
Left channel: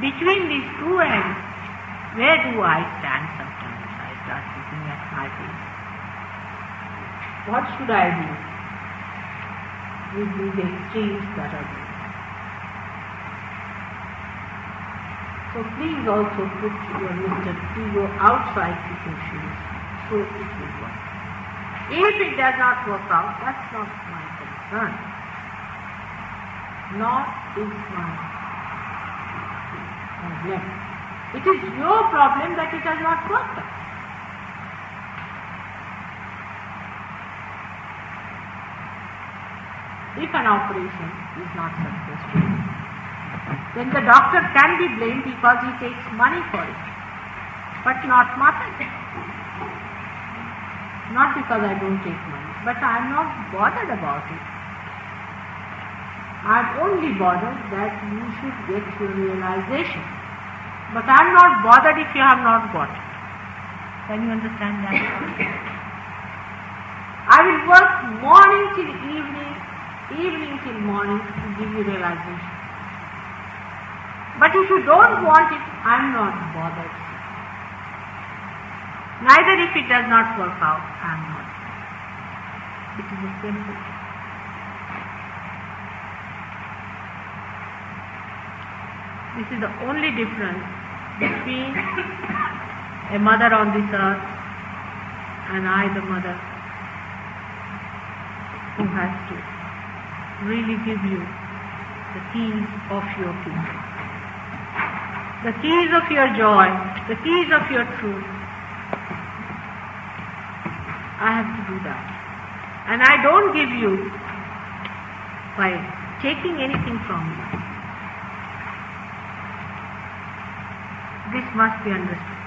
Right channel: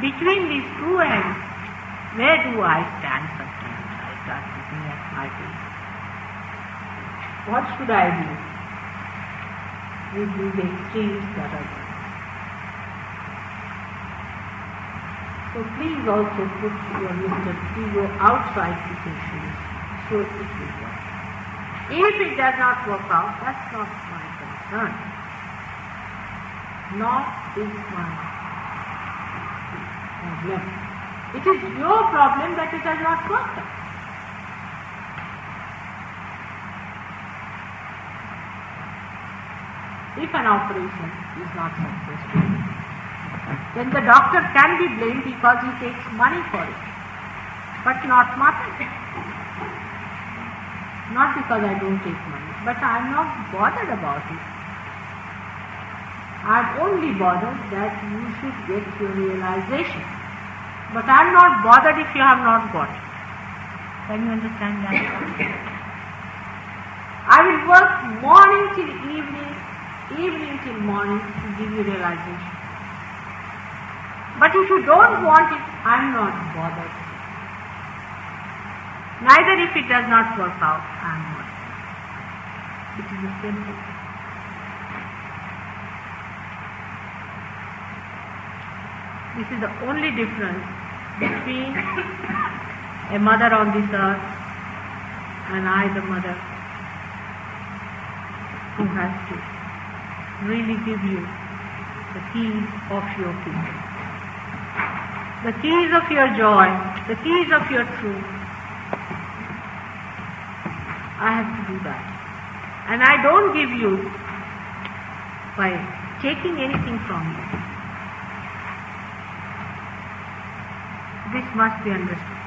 Between these two ends, where do I stand sometimes? I start looking at my face. What should I do with these extremes that are there? So please also put your Mr. Ego outside people's shoes, so it will work. If it does not work out, that's not my concern. Not is my problem. It is your problem that it has not worked out. If an operation is not successful, then the doctor can be blamed because he takes money for it, but not mother. Not because I don't take money, but I am not bothered about it. I am only bothered that you should get your realization. But I am not bothered if you have not got it. Can you understand that? I will work morning till evening, evening till morning to give you realization. But if you don't want it, I am not bothered. Neither if it does not work out, I am not. It is a simple thing. This is the only difference between a mother on this earth and I, the mother, who has to really give you the keys of your kingdom, the keys of your joy, the keys of your truth. I have to do that. And I don't give you by taking anything from you. This must be understood.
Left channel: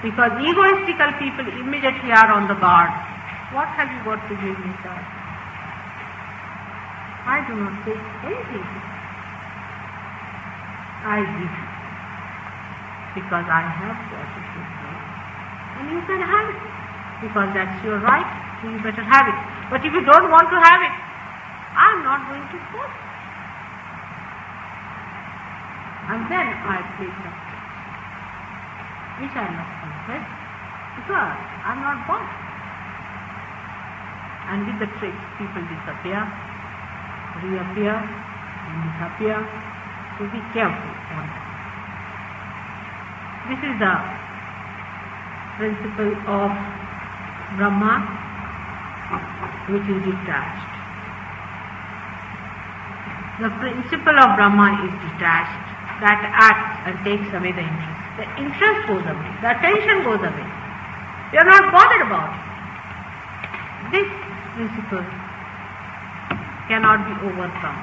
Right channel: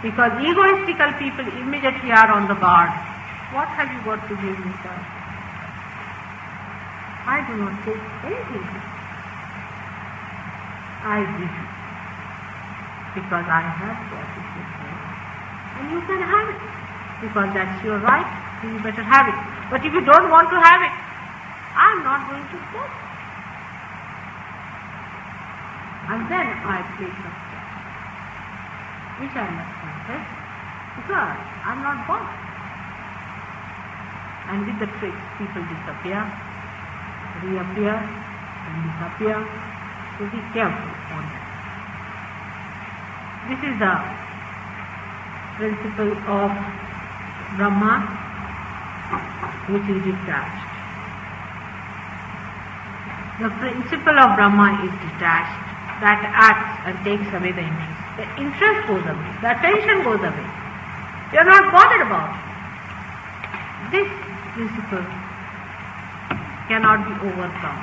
Because egoistical people immediately are on the guard. What have you got to give me, sir? I do not take anything. I give you. Because I have got it with me. And you can have it. Because that's your right, so you better have it. But if you don't want to have it, I'm not going to force it. And then I take the steps, which I must take, because I'm not bothered. And with the tricks, people disappear, reappear, and disappear, So be careful on that. This is the principle of Brahma, which is detached. The principle of Brahma is detached, that acts and takes away the interest. The interest goes away, the attention goes away. You are not bothered about it. This principle cannot be overcome.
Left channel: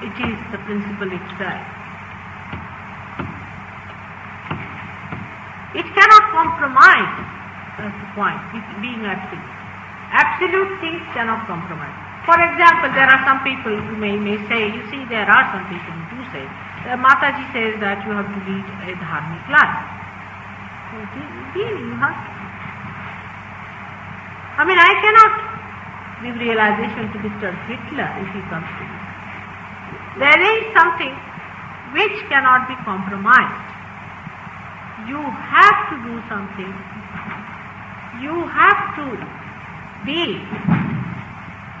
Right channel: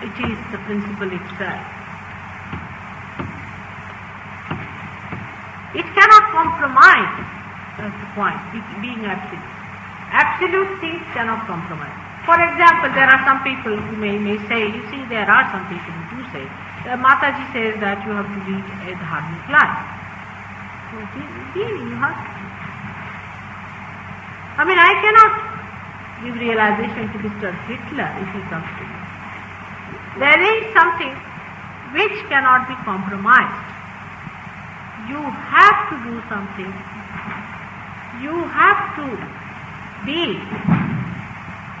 It is the principle itself. It cannot compromise, that's the point, being absolute. Absolute things cannot compromise. For example, there are some people who may say, you see, there are some people who do say, Mataji says that you have to lead a dharmic life. So, really, you have to. I mean, I cannot give realization to Mr. Hitler if he comes to me. There is something which cannot be compromised. You have to do something. You have to be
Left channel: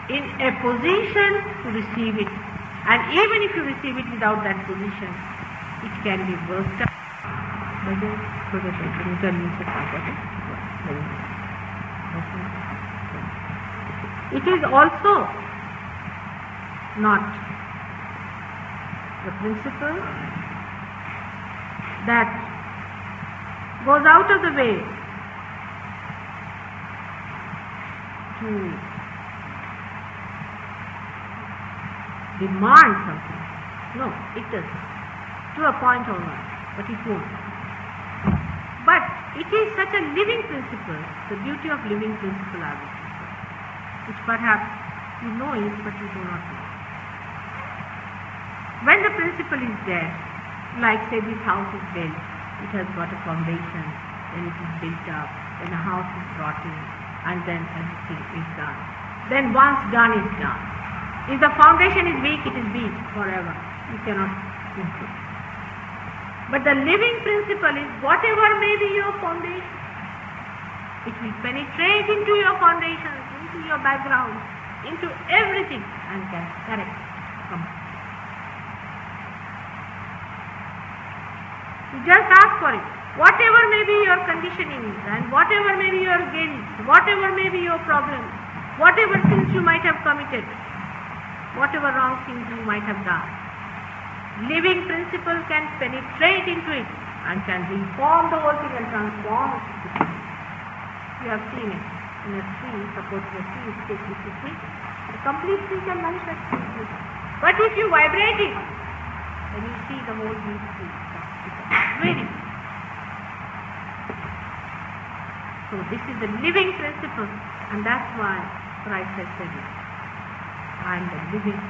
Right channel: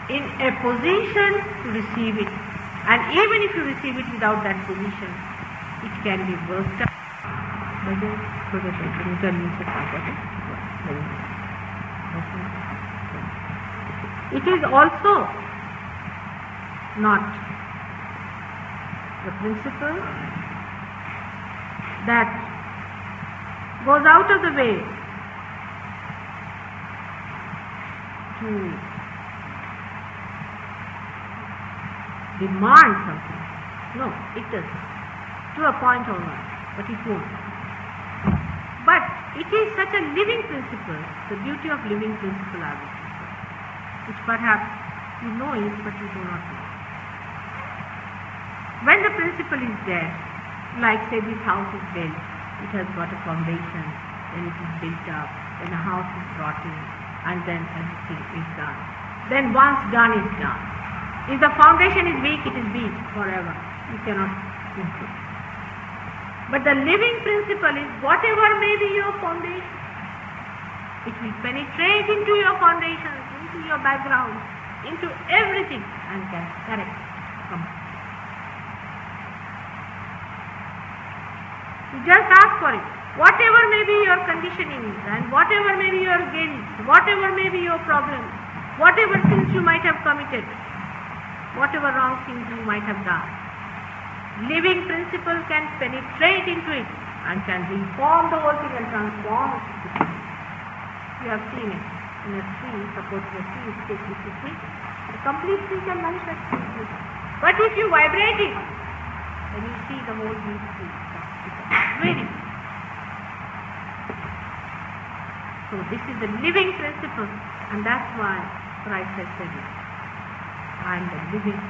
in a position to receive it. And even if you receive it without that position, it can be worked out. It is also not the principle that goes out of the way to demand something. No, it doesn't. To a point or not, but it won't. But it is such a living principle, the beauty of living principle, I would say, which perhaps you know it, but you do not know. When the principle is there, like say this house is built, it has got a foundation, then it is built up, then a house is brought in, and then everything is done. Then once done is done. If the foundation is weak, it is weak forever. You cannot improve. But the living principle is whatever may be your foundation, it will penetrate into your foundation, into your background, into everything, and can correct. You just ask for it. Whatever may be your conditioning and whatever may be your guilt, whatever may be your problems, whatever sins you might have committed, whatever wrong things you might have done, living principle can penetrate into it and can reform the whole thing and transform it. You have seen it in a tree, suppose the tree is taken to tree, the complete tree can manifest. But if you vibrate it, then you see the whole tree. Very. So this is the living principle, and that's why Christ has said it. I am the living.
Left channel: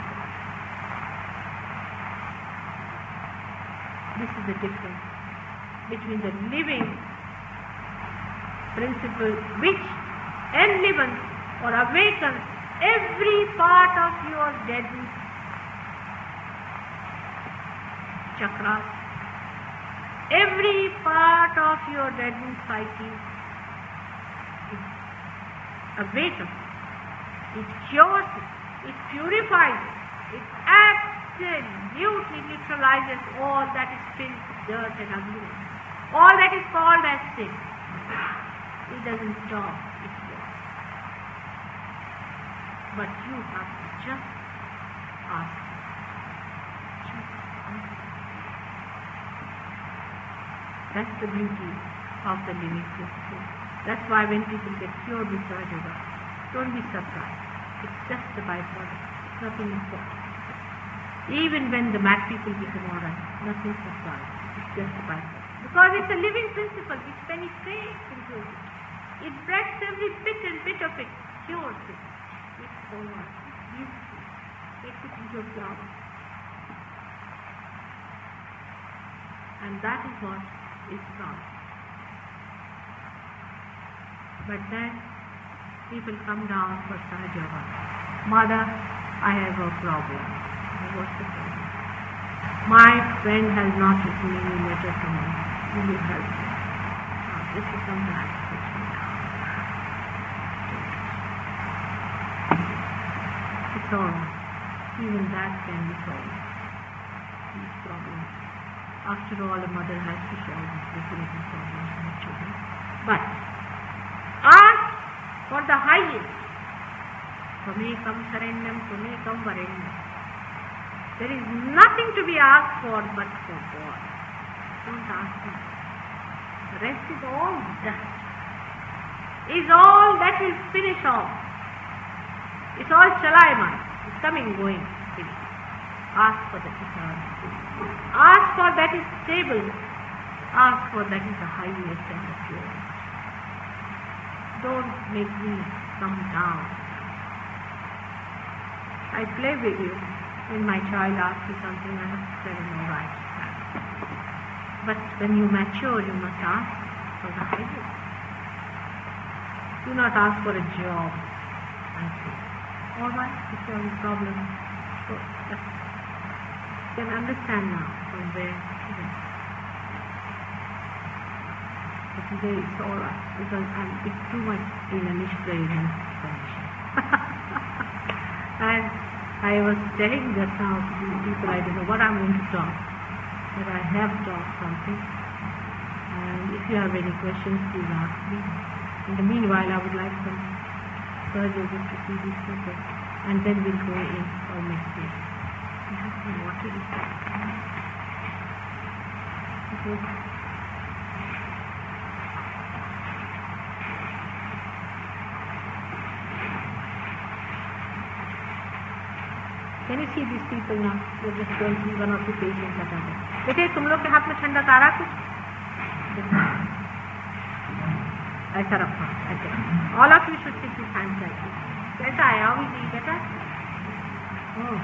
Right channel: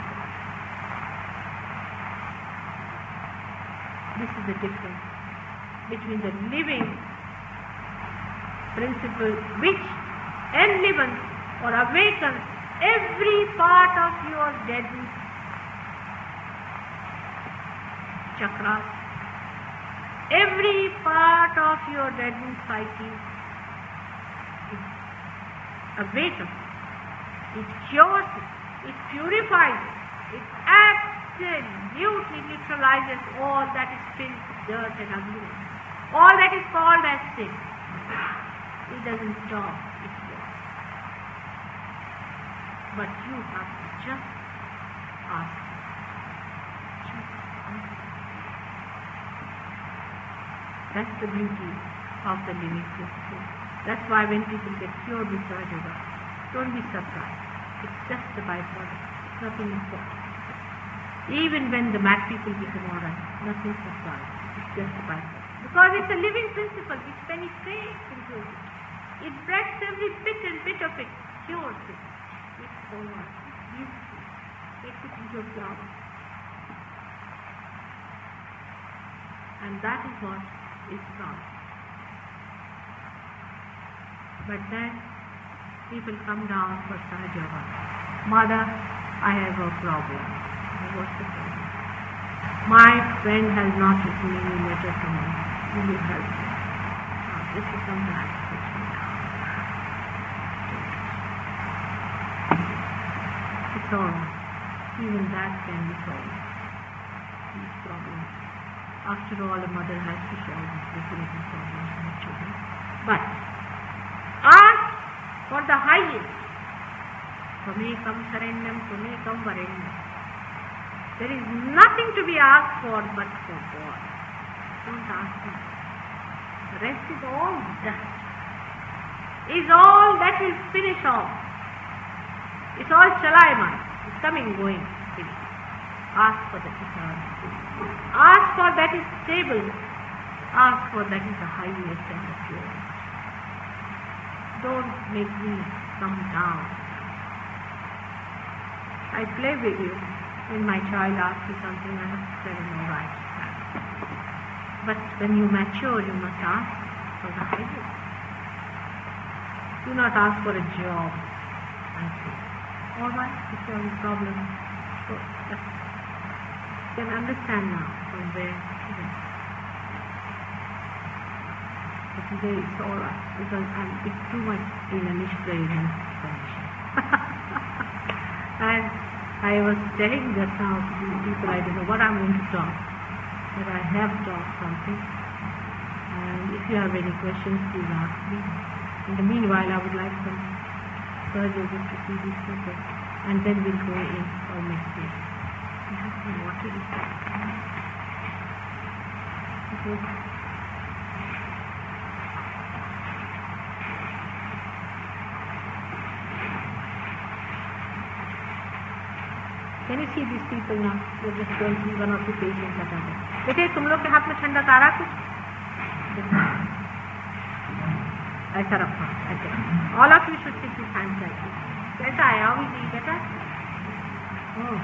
This is the difference between the living principle which enlivens or awakens every part of your deadened chakras, every part of your deadened psyche is awakens, it cures it, it purifies it, it absolutely neutralizes all that is filth, dirt and ugliness, all that is called as sin. It doesn't stop, it works. But you have to just ask. That's the beauty of the living principle. That's why when people get cured with Raja Yoga, don't be surprised. It's just a byproduct. It's nothing important. Even when the mad people become alright, nothing surprised. It's just a byproduct. Because it's a living principle which penetrates into it. It breaks every bit and bit of it, cures it. It's so much. It's beautiful. Takes it into a flower. And that is what is wrong. But then people come down for Sahaja Yoga. Mother, I have a problem. What's the problem? My friend has not written any letter to me. Will you help me? This is something I have to do now. It's all right. Even that can be solved. these problems. After all, a mother has to solve these difficult problems for her children. But ask for the highest. Tvamekam Sharanyam, Tvamekam Varenyam. There is nothing to be asked for but for God. Don't ask Him. The rest is all dust. Is all that will finish off. It's all Chalayaman. It's coming, going, finish. Ask for that eternal. Ask for that is stable. Ask for that is the highest and the purest. Don't make me come down. I play with you. When my child asks you something, I have to tell him, all right. But when you mature, you must ask for the highest. Do not ask for a job. I say, all right, if you have a problem, so you can understand now from where to where. But today it's all right because it's too much in a misguided condition. And I was telling just now to these people, I don't know what I'm going to talk, but I have talked something. And if you have any questions, please ask me. In the meanwhile, I would like some surgeons to see these people, and then we'll go in for next week. You have some water in there. Can you see these people now? We're just going to see one or two patients that are there. बेटे तुम लोग के हाथ में ठंडा तारा कुछ ऐसा रखो ऐसे. All of you should take this hand like this. कैसा है? How is he? Better? Oh.